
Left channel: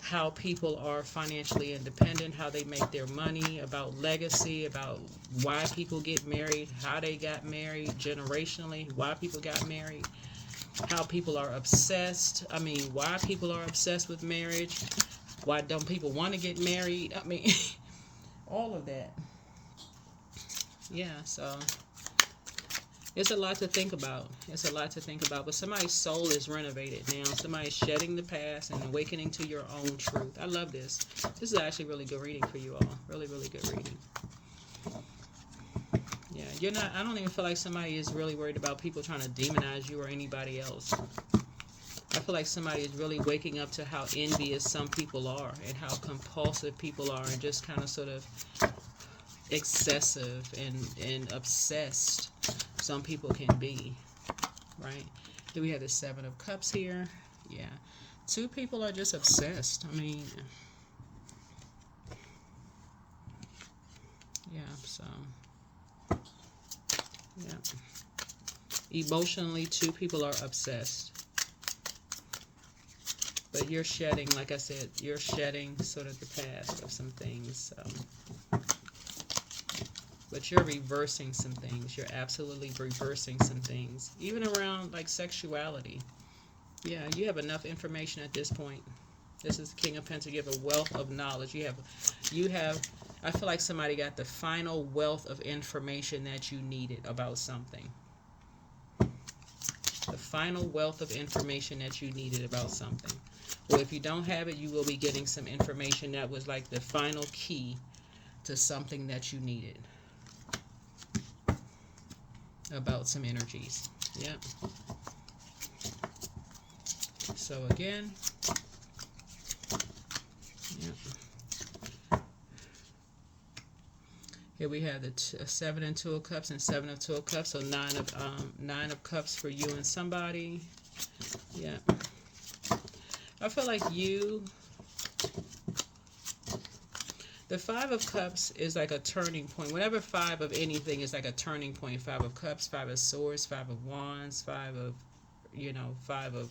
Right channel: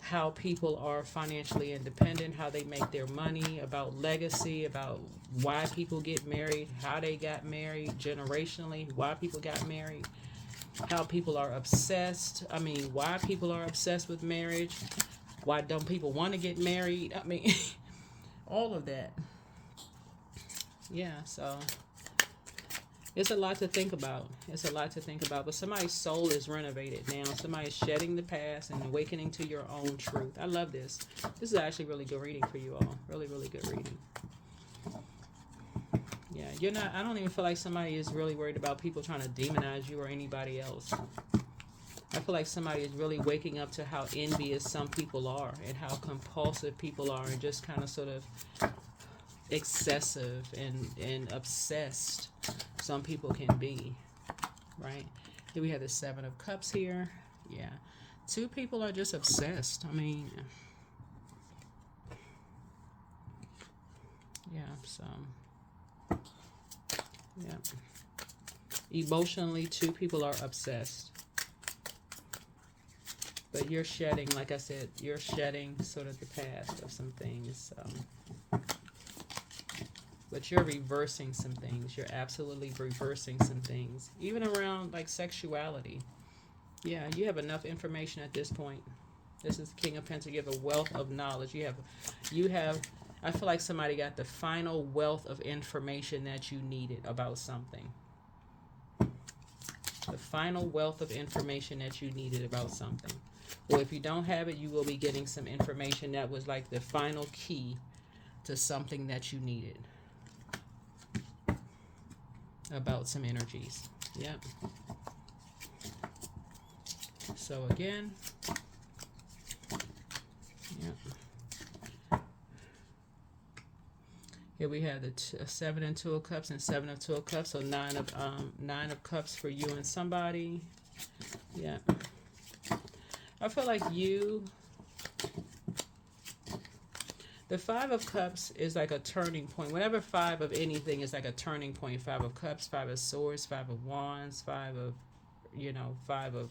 how people are financially independent, how they make their money, about legacy, about why people get married, how they got married, generationally, why people got married, how people are obsessed. I mean, why people are obsessed with marriage, why don't people want to get married. I mean, all of that. Yeah, so it's a lot to think about. It's a lot to think about. But somebody's soul is renovated now. Somebody's shedding the past and awakening to your own truth. I love this. This is actually really good reading for you all. Really, really good reading. Yeah, you're not. I don't even feel like somebody is really worried about people trying to demonize you or anybody else. I feel like somebody is really waking up to how envious some people are and how compulsive people are and just kind of sort of excessive and obsessed some people can be, right? Then we have the Seven of Cups here. Yeah, two people are just obsessed. I mean, yeah, so yeah, emotionally two people are obsessed, but you're shedding, like I said, you're shedding sort of the past of some things. So, but you're reversing some things. You're absolutely reversing some things. Even around like sexuality. Yeah, you have enough information at this point. This is King of Pentacles. You have a wealth of knowledge. You have I feel like somebody got the final wealth of information that you needed about something. The final wealth of information that you needed about something. Or if you don't have it, you will be getting some information that was like the final key to something that you needed about some energies. Yep. So again, yep. Here we have the 7 and 2 of Cups and 7 of 2 of Cups. So 9 of Cups for you and somebody. Yeah. I feel like you. The 5 of Cups is like a turning point. Whenever 5 of anything is like a turning point. 5 of Cups, 5 of Swords, 5 of Wands, 5 of, 5 of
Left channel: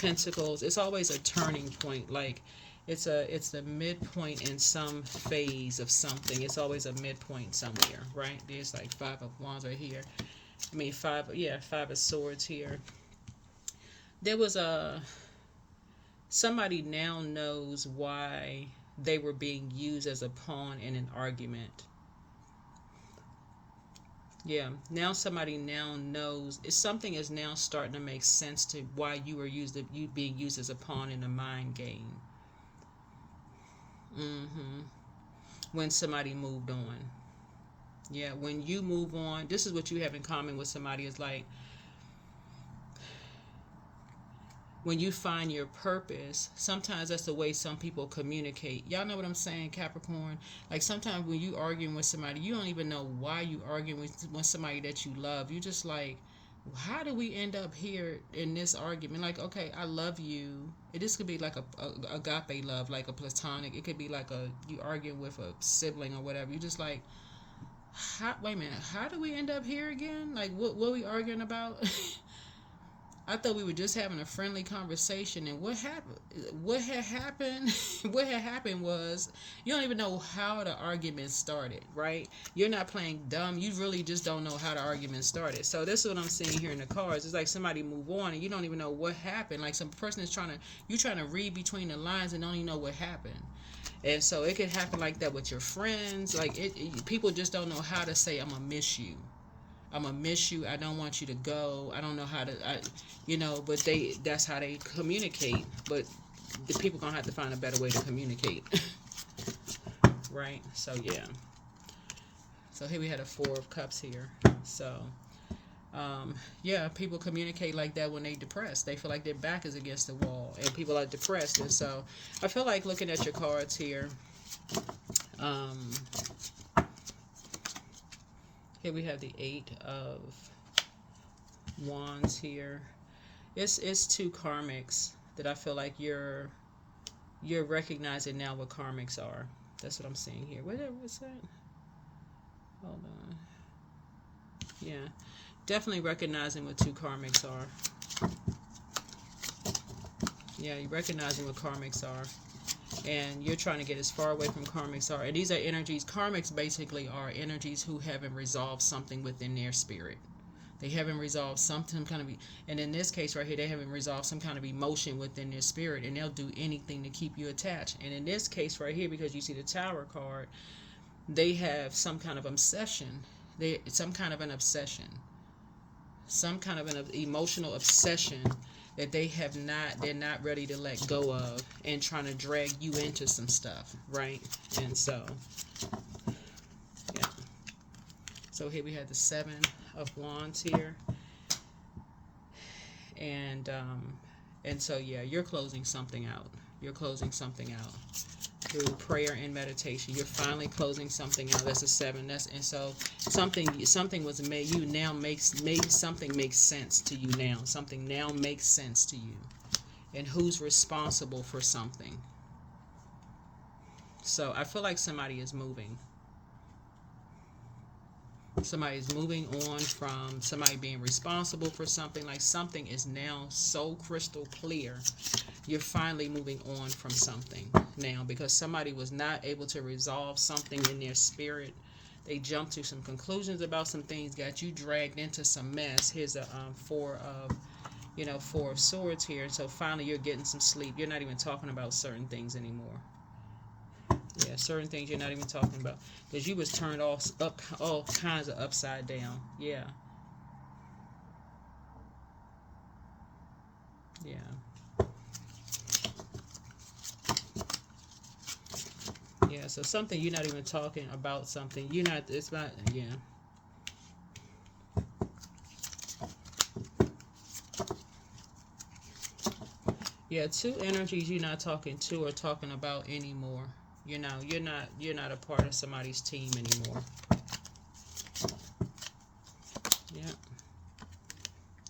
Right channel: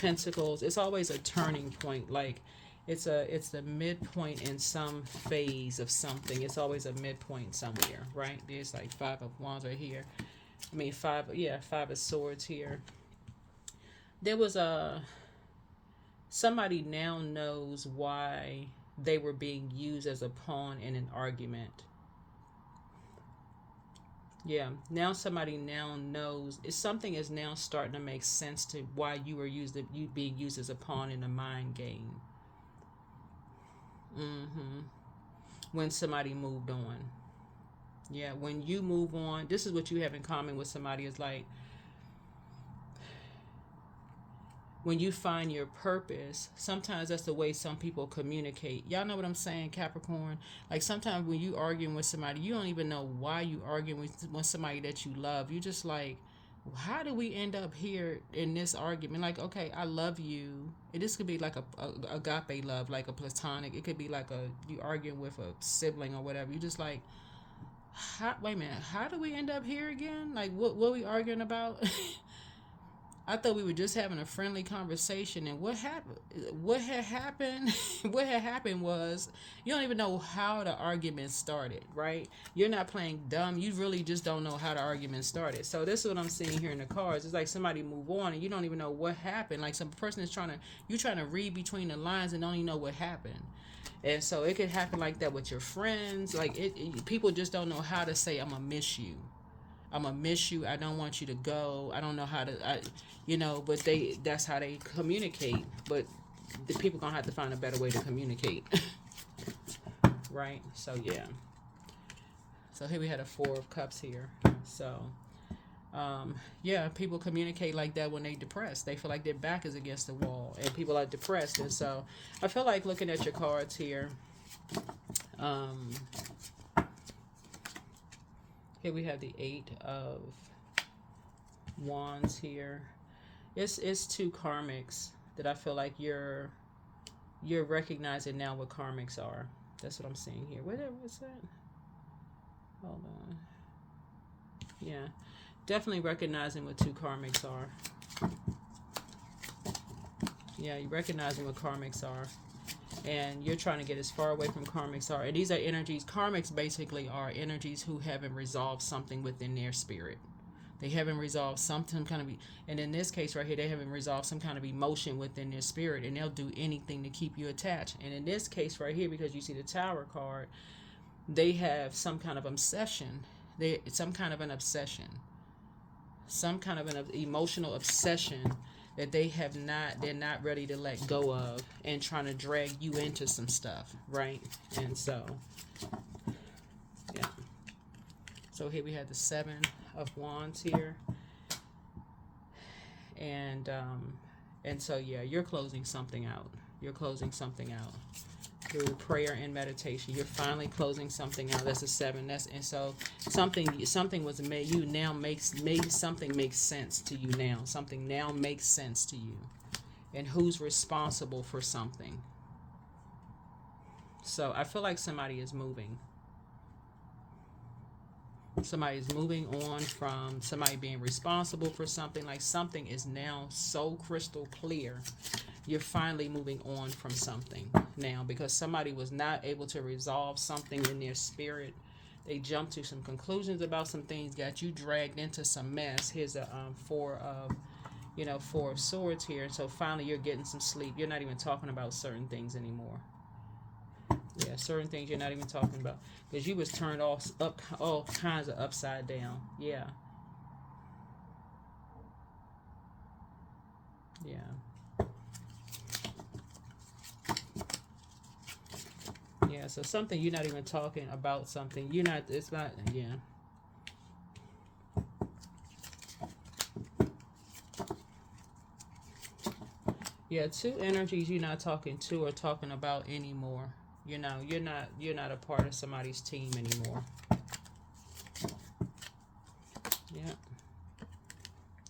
Pentacles. It's always a turning point. Like it's the midpoint in some phase of something. It's always a midpoint somewhere, right? There's like 5 of Wands right here. I mean 5 of Swords here. There was somebody now knows why they were being used as a pawn in an argument. Yeah, now somebody now knows. Something is now starting to make sense to why you were being used as a pawn in a mind game. When somebody moved on. Yeah, when you move on, this is what you have in common with somebody. Is like when you find your purpose, sometimes that's the way some people communicate. Y'all know what I'm saying, Capricorn? Like sometimes when you arguing with somebody, you don't even know why you arguing with somebody that you love. You just like, how do we end up here in this argument? Like, okay, I love you. This could be like a agape love, like a platonic. It could be like you arguing with a sibling or whatever. You just like, wait a minute, how do we end up here again? Like, what are we arguing about? I thought we were just having a friendly conversation, and what happened? What had happened? What had happened was you don't even know how the argument started, right? You're not playing dumb. You really just don't know how the argument started. So this is what I'm seeing here in the cards. It's like somebody move on, and you don't even know what happened. Like some person is trying to read between the lines and don't even know what happened. And so it could happen like that with your friends. Like people just don't know how to say, "I'm gonna miss you." I'm gonna miss you. I don't want you to go. I don't know how to, but that's how they communicate. But the people gonna have to find a better way to communicate. Right? So yeah. So here we had a 4 of Cups here. So people communicate like that when they depressed. They feel like their back is against the wall and people are depressed. And so I feel like looking at your cards here, here we have the 8 of Wands here. It's 2 karmics that I feel like you're recognizing now what karmics are. That's what I'm seeing here. What's that? Hold on. Yeah. Definitely recognizing what 2 karmics are. Yeah, you're recognizing what karmics are. And you're trying to get as far away from karmics are. And these are energies. Karmics basically are energies who haven't resolved something within their spirit. They haven't resolved some kind of, and in this case right here, they haven't resolved some kind of emotion within their spirit, and they'll do anything to keep you attached. And in this case right here, because you see the Tower card, they have some kind of obsession. Some kind of an obsession, some kind of an emotional obsession that they're not ready to let go of, and trying to drag you into some stuff, right? And so, yeah. So here we have the 7 of Wands here, and so yeah, you're closing something out. You're closing something out through prayer and meditation. You're finally closing something out. That's a 7. And so something was made. You now made something make sense to you now. Something now makes sense to you, and who's responsible for something. So I feel like somebody is moving. Somebody's moving on from somebody being responsible for something. Like something is now so crystal clear. You're finally moving on from something now because somebody was not able to resolve something in their spirit. They jumped to some conclusions about some things, got you dragged into some mess. Here's a 4 of Swords here. So finally you're getting some sleep. You're not even talking about certain things anymore. Yeah, certain things you're not even talking about because you was turned all kinds of upside down. Yeah, yeah, yeah. So something you're not even talking about. Something you're not. It's not. Yeah, yeah. Two energies you're not talking to or talking about anymore. You know, you're not a part of somebody's team anymore. Yeah.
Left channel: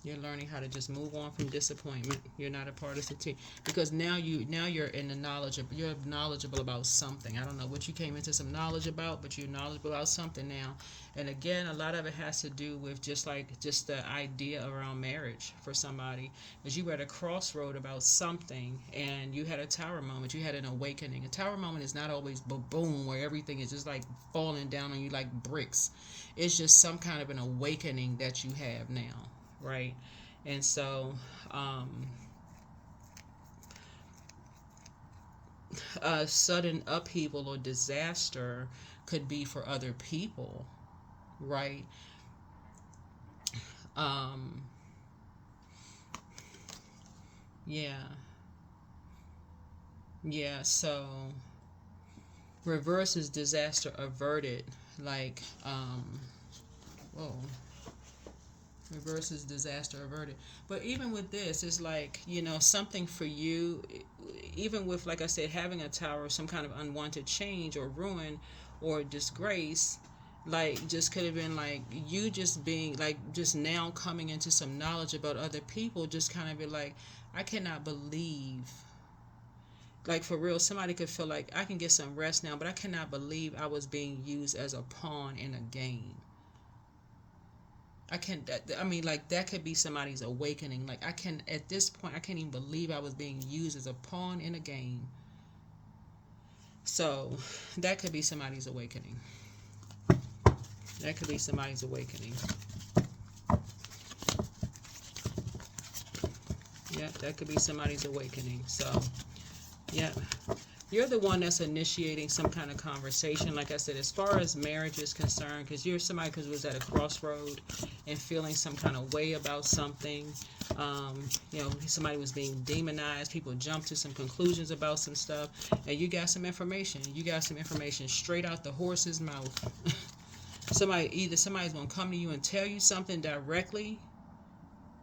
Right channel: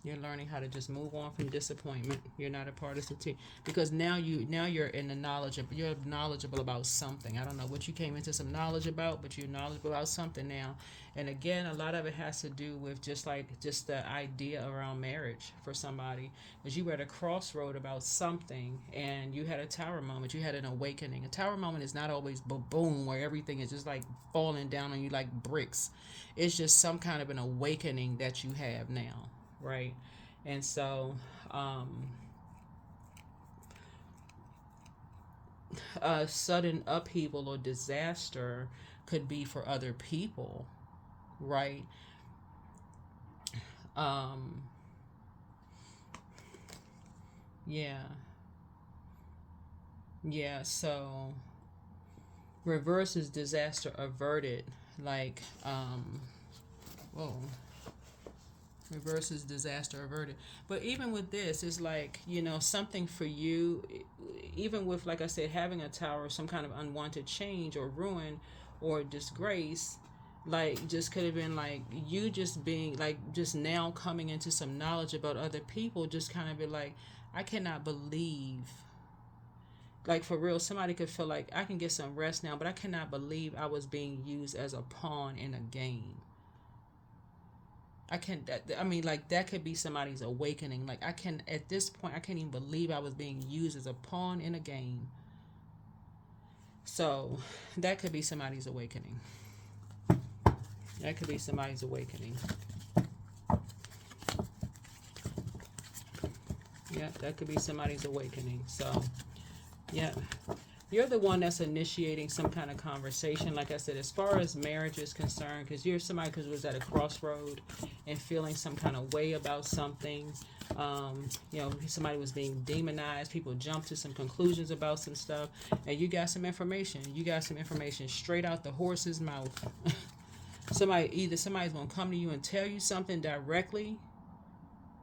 You're learning how to just move on from disappointment. You're not a part of the team because now you're in the knowledge of you're knowledgeable about something. I don't know what you came into some knowledge about, but you're knowledgeable about something now. And again, a lot of it has to do with just the idea around marriage for somebody. Because you were at a crossroad about something, and you had a tower moment. You had an awakening. A tower moment is not always boom where everything is just like falling down on you like bricks. It's just some kind of an awakening that you have now, right? And so, um, a sudden upheaval or disaster could be for other people, right? Um, yeah, yeah. So, reverse is disaster averted. Like, whoa, reverse is disaster averted. But even with this, it's like, something for you, even with, like I said, having a tower, some kind of unwanted change or ruin or disgrace, like, just could have been like you just being like, just now coming into some knowledge about other people, just kind of be like, I cannot believe, like, for real, somebody could feel like I can get some rest now, but I cannot believe I was being used as a pawn in a game. I can't. I mean, like, that could be somebody's awakening. Like, I can, at this point, I can't even believe I was being used as a pawn in a game. So that could be somebody's awakening. That could be somebody's awakening. Yeah, that could be somebody's awakening. So, yeah. You're the one that's initiating some kind of conversation. Like I said, as far as marriage is concerned, because you're somebody who was at a crossroad and feeling some kind of way about something. Somebody was being demonized. People jumped to some conclusions about some stuff, and you got some information. You got some information straight out the horse's mouth. Somebody's gonna come to you and tell you something directly.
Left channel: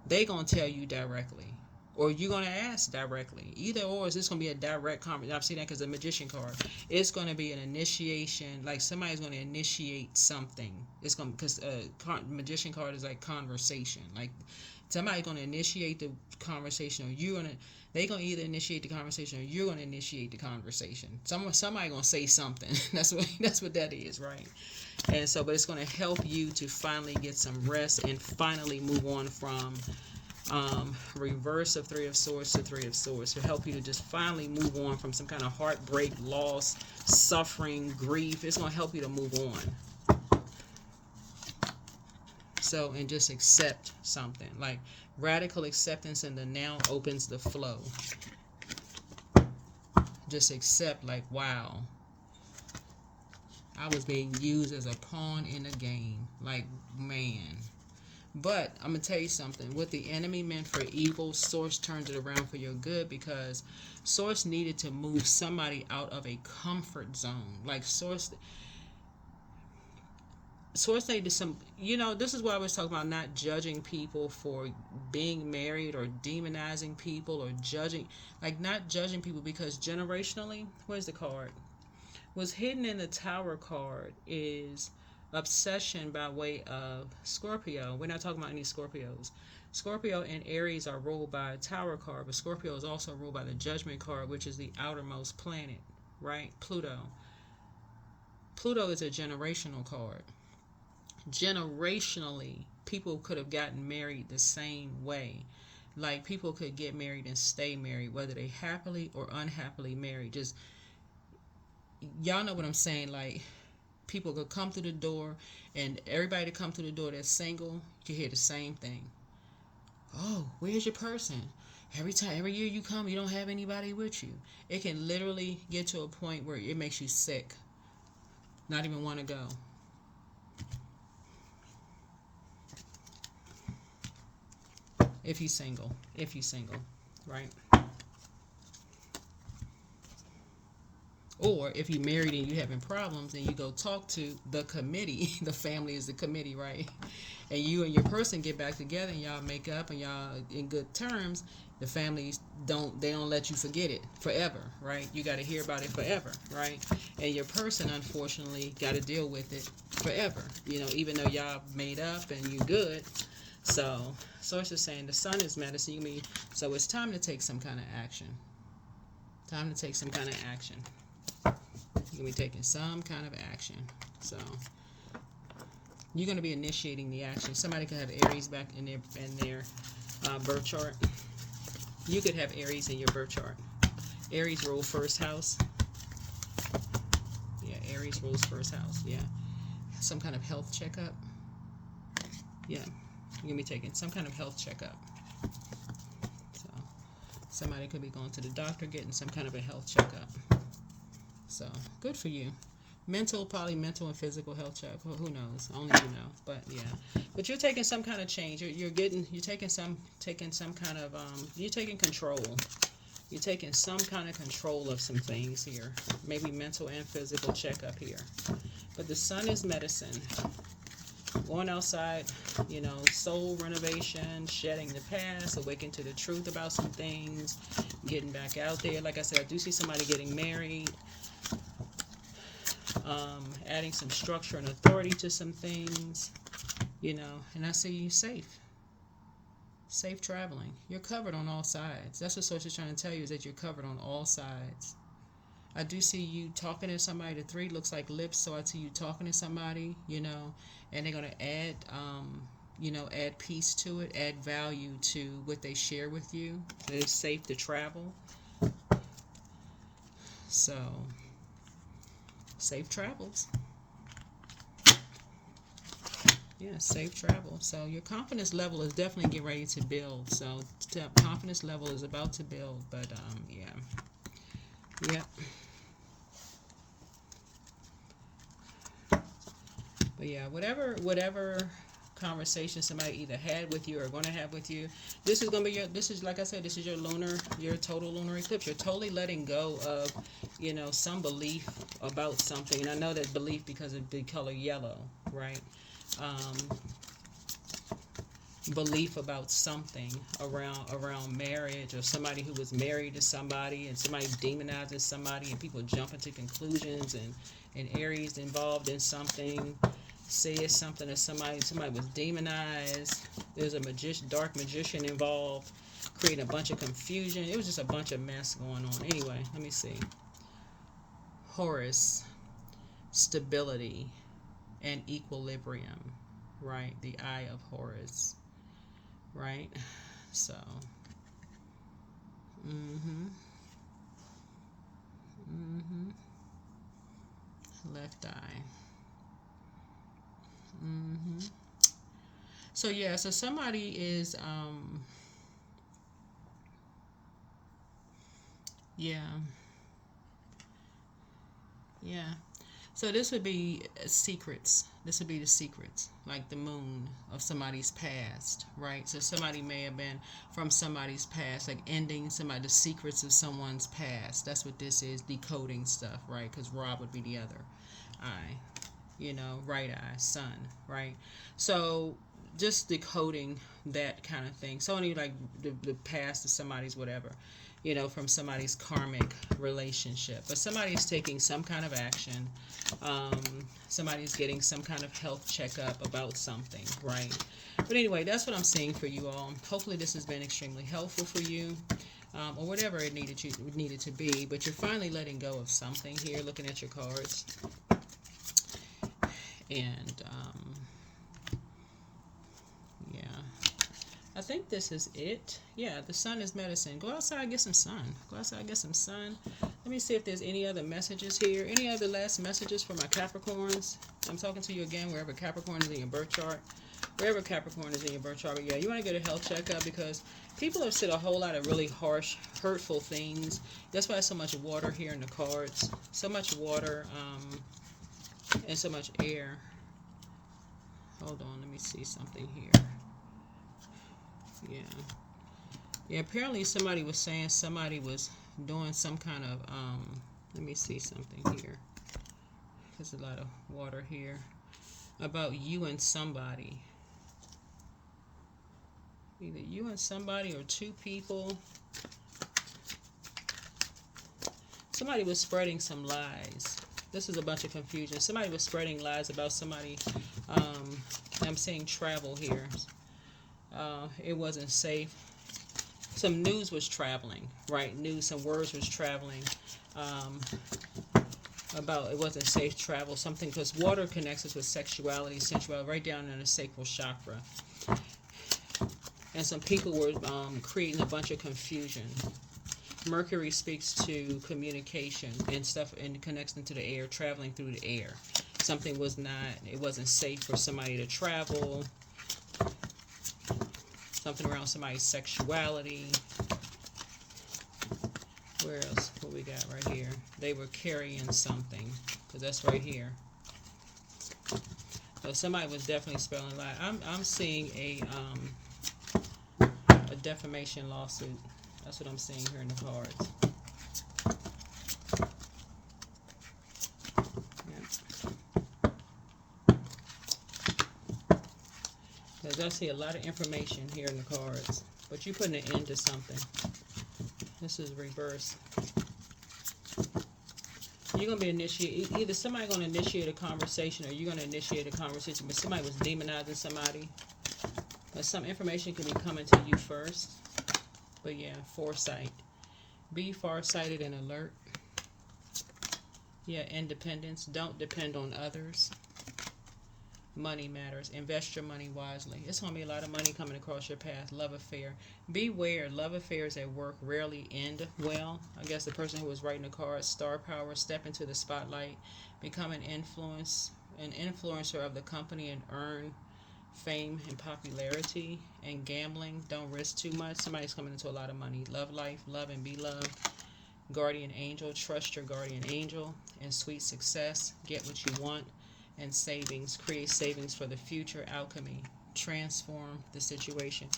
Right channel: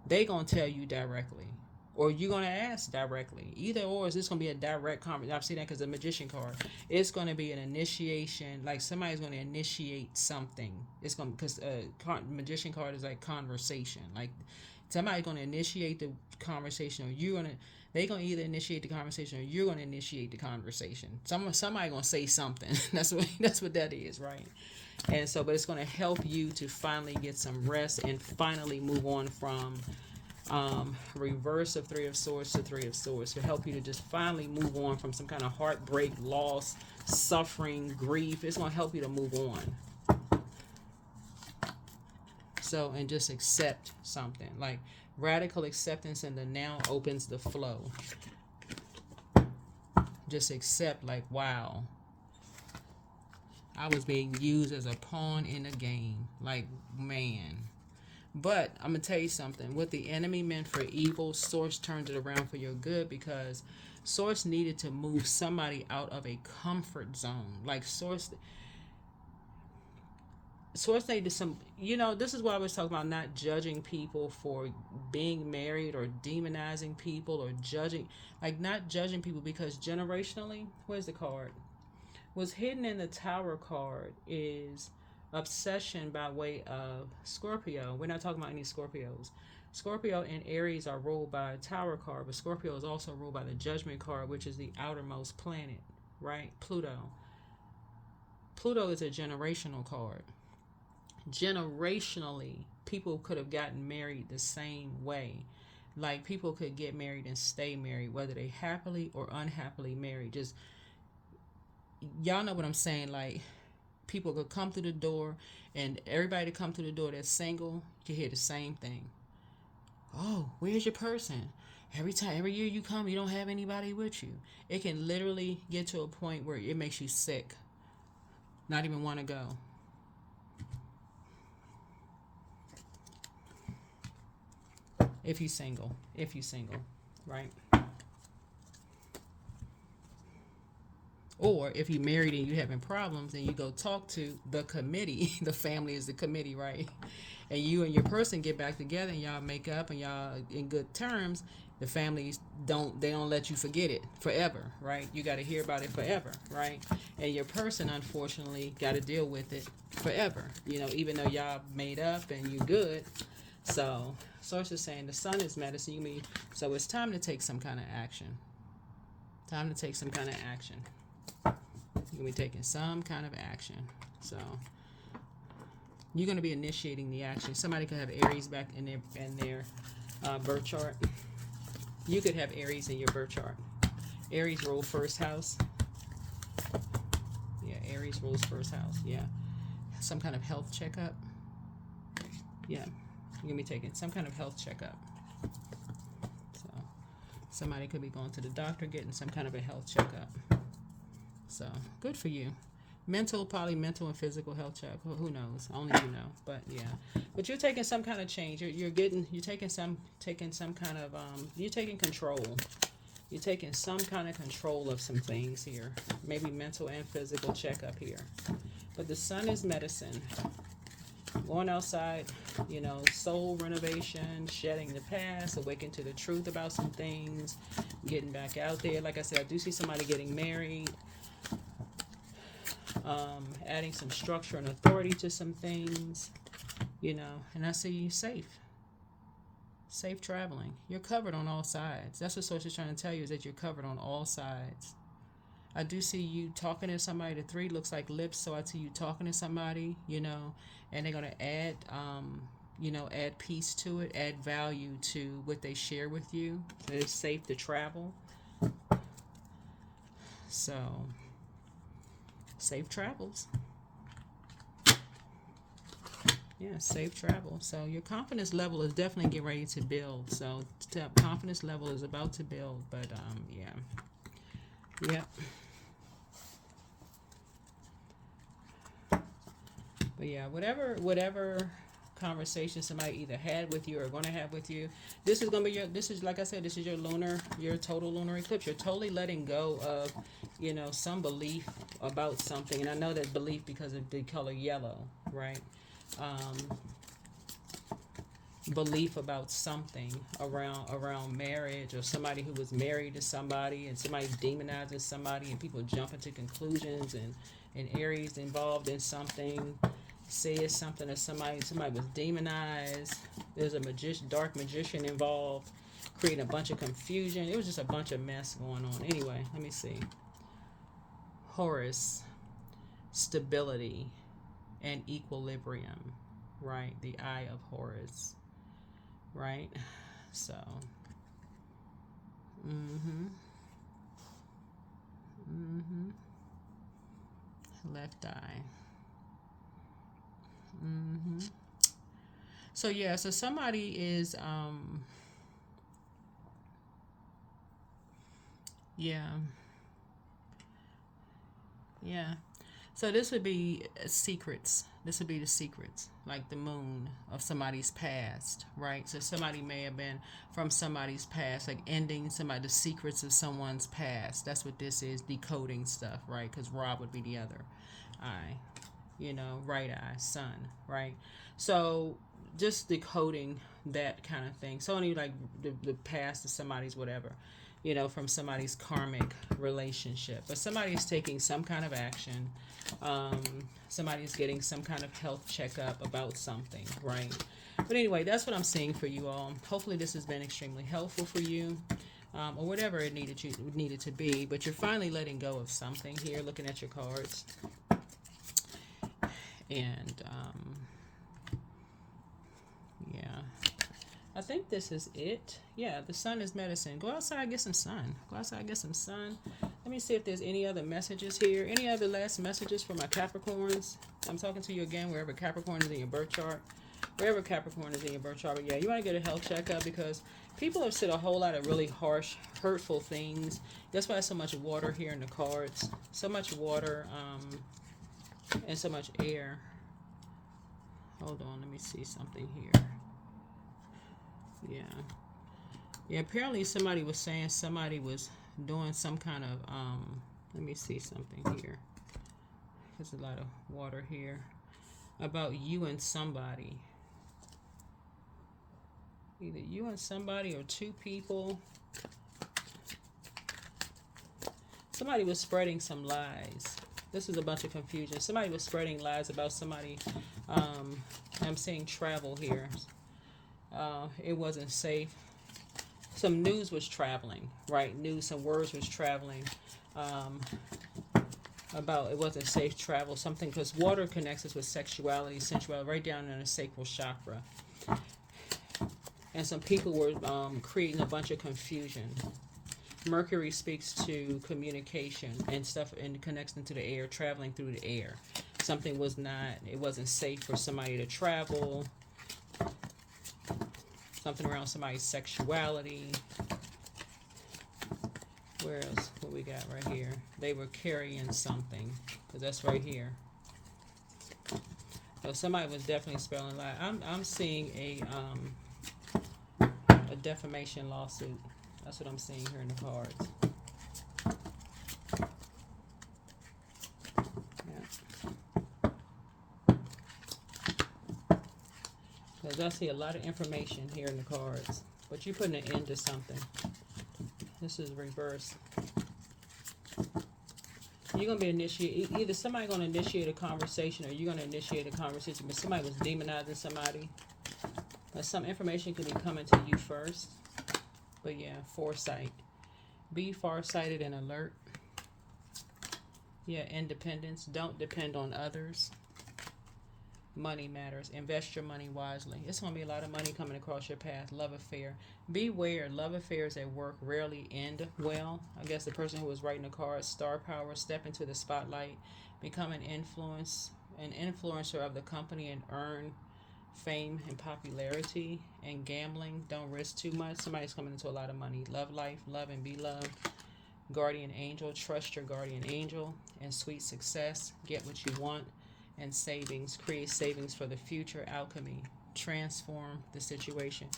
They gonna tell you directly, or you're gonna ask directly. Either or, is this gonna be a direct conversation? I've seen that because the magician card. It's gonna be an initiation. Like, somebody's gonna initiate something. It's gonna, because magician card is like conversation. Like, somebody's gonna initiate the conversation, or you're gonna. They gonna either initiate the conversation, or you're gonna initiate the conversation. Somebody gonna say something. That's what that is, right? And so, but it's going to help you to finally get some rest and finally move on from reverse of Three of Swords to Three of Swords. It'll help you to just finally move on from some kind of heartbreak, loss, suffering, grief. It's going to help you to move on. So, and just accept something. Like, radical acceptance in the now opens the flow. Just accept, like, wow, I was being used as a pawn in a game. Like, man. But I'm going to tell you something. What the enemy meant for evil, Source turned it around for your good, because Source needed to move somebody out of a comfort zone. Like, Source needed some, this is why I was talking about not judging people for being married, or demonizing people, or judging. Like, not judging people, because generationally, where's the card? What's hidden in the Tower card is obsession by way of Scorpio. We're not talking about any Scorpios. Scorpio and Aries are ruled by a Tower card, but Scorpio is also ruled by the Judgment card, which is the outermost planet, right? Pluto. Pluto is a generational card. Generationally, people could have gotten married the same way. Like, people could get married and stay married, whether they happily or unhappily married. Just, y'all know what I'm saying. Like, people could come through the door, and everybody that come through the door that's single, you hear the same thing. Oh, where's your person? Every year you come, you don't have anybody with you. It can literally get to a point where it makes you sick, not even want to go. If you single, right? Or if you're married and you're having problems and you go talk to the committee, the family is the committee, right? And you and your person get back together and y'all make up and y'all in good terms, the families don't let you forget it forever, right? You got to hear about it forever, right? And your person, unfortunately, got to deal with it forever, even though y'all made up and you good. So it's just saying the sun is medicine. So it's time to take some kind of action. Time to take some kind of action. You're going to be taking some kind of action. So you're going to be initiating the action. Somebody could have Aries back in their birth chart. You could have Aries in your birth chart. Aries rule first house. Yeah, Aries rules first house. Yeah. Some kind of health checkup. Yeah. You're going to be taking some kind of health checkup. So somebody could be going to the doctor, getting some kind of a health checkup. So good for you. Probably mental and physical health check. Who knows? Only you know. But yeah. But you're taking some kind of change. You're taking some kind of you're taking control. You're taking some kind of control of some things here. Maybe mental and physical checkup here. But the sun is medicine. Going outside, soul renovation, shedding the past, awaken to the truth about some things, getting back out there. Like I said, I do see somebody getting married. Adding some structure and authority to some things, and I see you safe traveling. You're covered on all sides. That's what Source is trying to tell you, is that you're covered on all sides. I do see you talking to somebody. The 3 looks like lips, so I see you talking to somebody, and they're going to add, add peace to it, add value to what they share with you. So it's safe to travel. So safe travels. Yeah, safe travel. So your confidence level is definitely getting ready to build. So confidence level is about to build. But yeah. But yeah, whatever conversation somebody either had with you or going to have with you, this is like I said, this is your total lunar eclipse. You're totally letting go of some belief about something. And I know that belief because of the color yellow, right? Belief about something around marriage, or somebody who was married to somebody and somebody demonizes somebody and people jump into conclusions, and Aries involved in something says something that somebody was demonized. There's a dark magician involved, creating a bunch of confusion. It was just a bunch of mess going on. Anyway, let me see. Horus, stability and equilibrium, right? The eye of Horus, right? So, left eye. So yeah, so somebody is yeah. So this would be secrets. This would be the secrets, like the moon of somebody's past, right? So somebody may have been from somebody's past, like ending the secrets of someone's past. That's what this is, decoding stuff, right? Because Ra would be the other eye, right eye, sun, right? So just decoding that kind of thing. So only like the past of somebody's whatever, from somebody's karmic relationship. But somebody's taking some kind of action. Somebody's getting some kind of health checkup about something, right? But anyway, that's what I'm seeing for you all. Hopefully this has been extremely helpful for you, or whatever it needed to be. But you're finally letting go of something here, looking at your cards. And I think this is it. Yeah, the sun is medicine. Go outside, get some sun. Let me see if there's any other messages here. Any other last messages for my Capricorns? I'm talking to you again, wherever Capricorn is in your birth chart. Wherever Capricorn is in your birth chart, yeah, you want to get a health checkup because people have said a whole lot of really harsh, hurtful things. That's why there's so much water here in the cards. So much water and so much air. Hold on, let me see something here. Yeah. Yeah, apparently somebody was saying somebody was doing some kind of, let me see something here. There's a lot of water here. About you and somebody. Either you and somebody or two people. Somebody was spreading some lies. This is a bunch of confusion. Somebody was spreading lies about somebody. I'm seeing travel here. It wasn't safe. Some news was traveling, right? News, some words was traveling about it wasn't safe travel. Something, because water connects us with sexuality, sensuality, right down in the sacral chakra. And some people were creating a bunch of confusion. Mercury speaks to communication and stuff, and connects into the air, traveling through the air. Something was not, it wasn't safe for somebody to travel. Something around somebody's sexuality. Where else? What we got right here? They were carrying something, because that's right here. So somebody was definitely spelling lie. I'm seeing a defamation lawsuit. That's what I'm seeing here in the cards. Because I see a lot of information here in the cards. But you're putting an end to something. This is reverse. You're going to be initiated. Either somebody's going to initiate a conversation, or you're going to initiate a conversation. But somebody was demonizing somebody. But some information could be coming to you first. But yeah, foresight. Be farsighted and alert. Yeah, independence. Don't depend on others. Money matters. Invest your money wisely. It's going to be a lot of money coming across your path. Love affair. Beware. Love affairs at work rarely end well. I guess the person who was writing the card, star power, step into the spotlight, become an influencer of the company, and earn fame and popularity. And gambling. Don't risk too much. Somebody's coming into a lot of money. Love life. Love and be loved. Guardian angel. Trust your guardian angel. And sweet success. Get what you want. And savings. Create savings for the future. Alchemy. Transform the situation.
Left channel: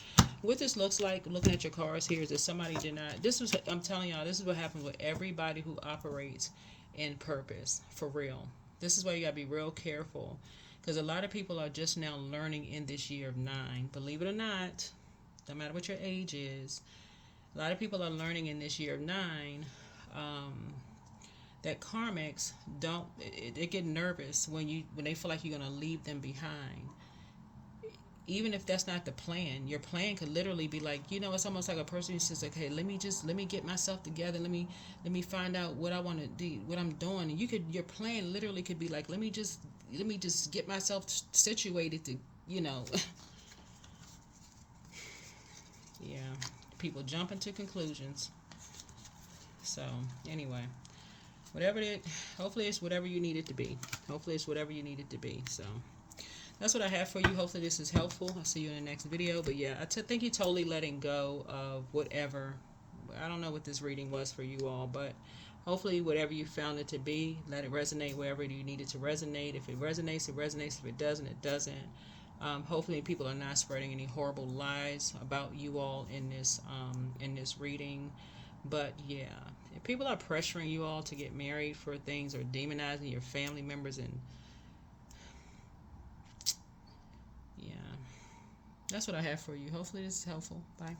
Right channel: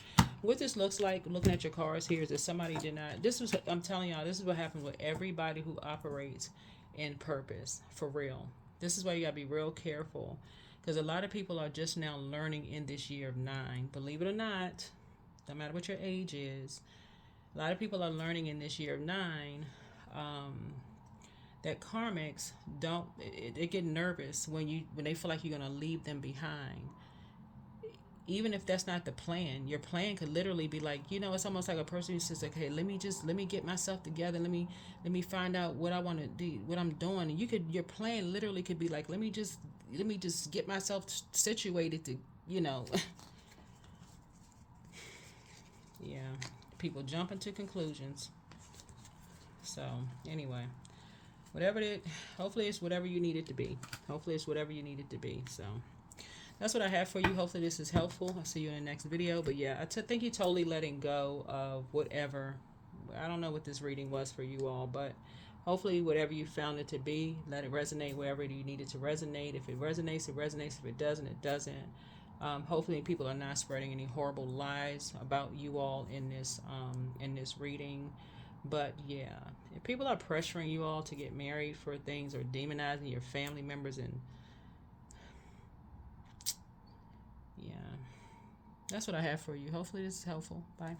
What this looks like, looking at your cards here, is that somebody did not, I'm telling y'all, this is what happens with everybody who operates in purpose. For real. This is why you got to be real careful. Because a lot of people are just now learning in this year of 9. Believe it or not, no matter what your age is, a lot of people are learning in this year of 9 that karmics they get nervous when they feel like you're going to leave them behind. Even if that's not the plan, your plan could literally be like, it's almost like a person who says, okay, let me get myself together, let me find out what I want to do, what I'm doing. And your plan literally could be like, let me just get myself situated to, yeah. People jump into conclusions. So anyway, hopefully it's whatever you need it to be. So that's what I have for you. Hopefully this is helpful. I'll see you in the next video. But yeah, I think you're totally letting go of whatever. I don't know what this reading was for you all, but hopefully whatever you found it to be, let it resonate wherever you need it to resonate. If it resonates, it resonates. If it doesn't, it doesn't. Hopefully people are not spreading any horrible lies about you all in this reading. But yeah, if people are pressuring you all to get married for things, or demonizing your family members, and yeah, that's what I have for you. Hopefully this is helpful. Bye.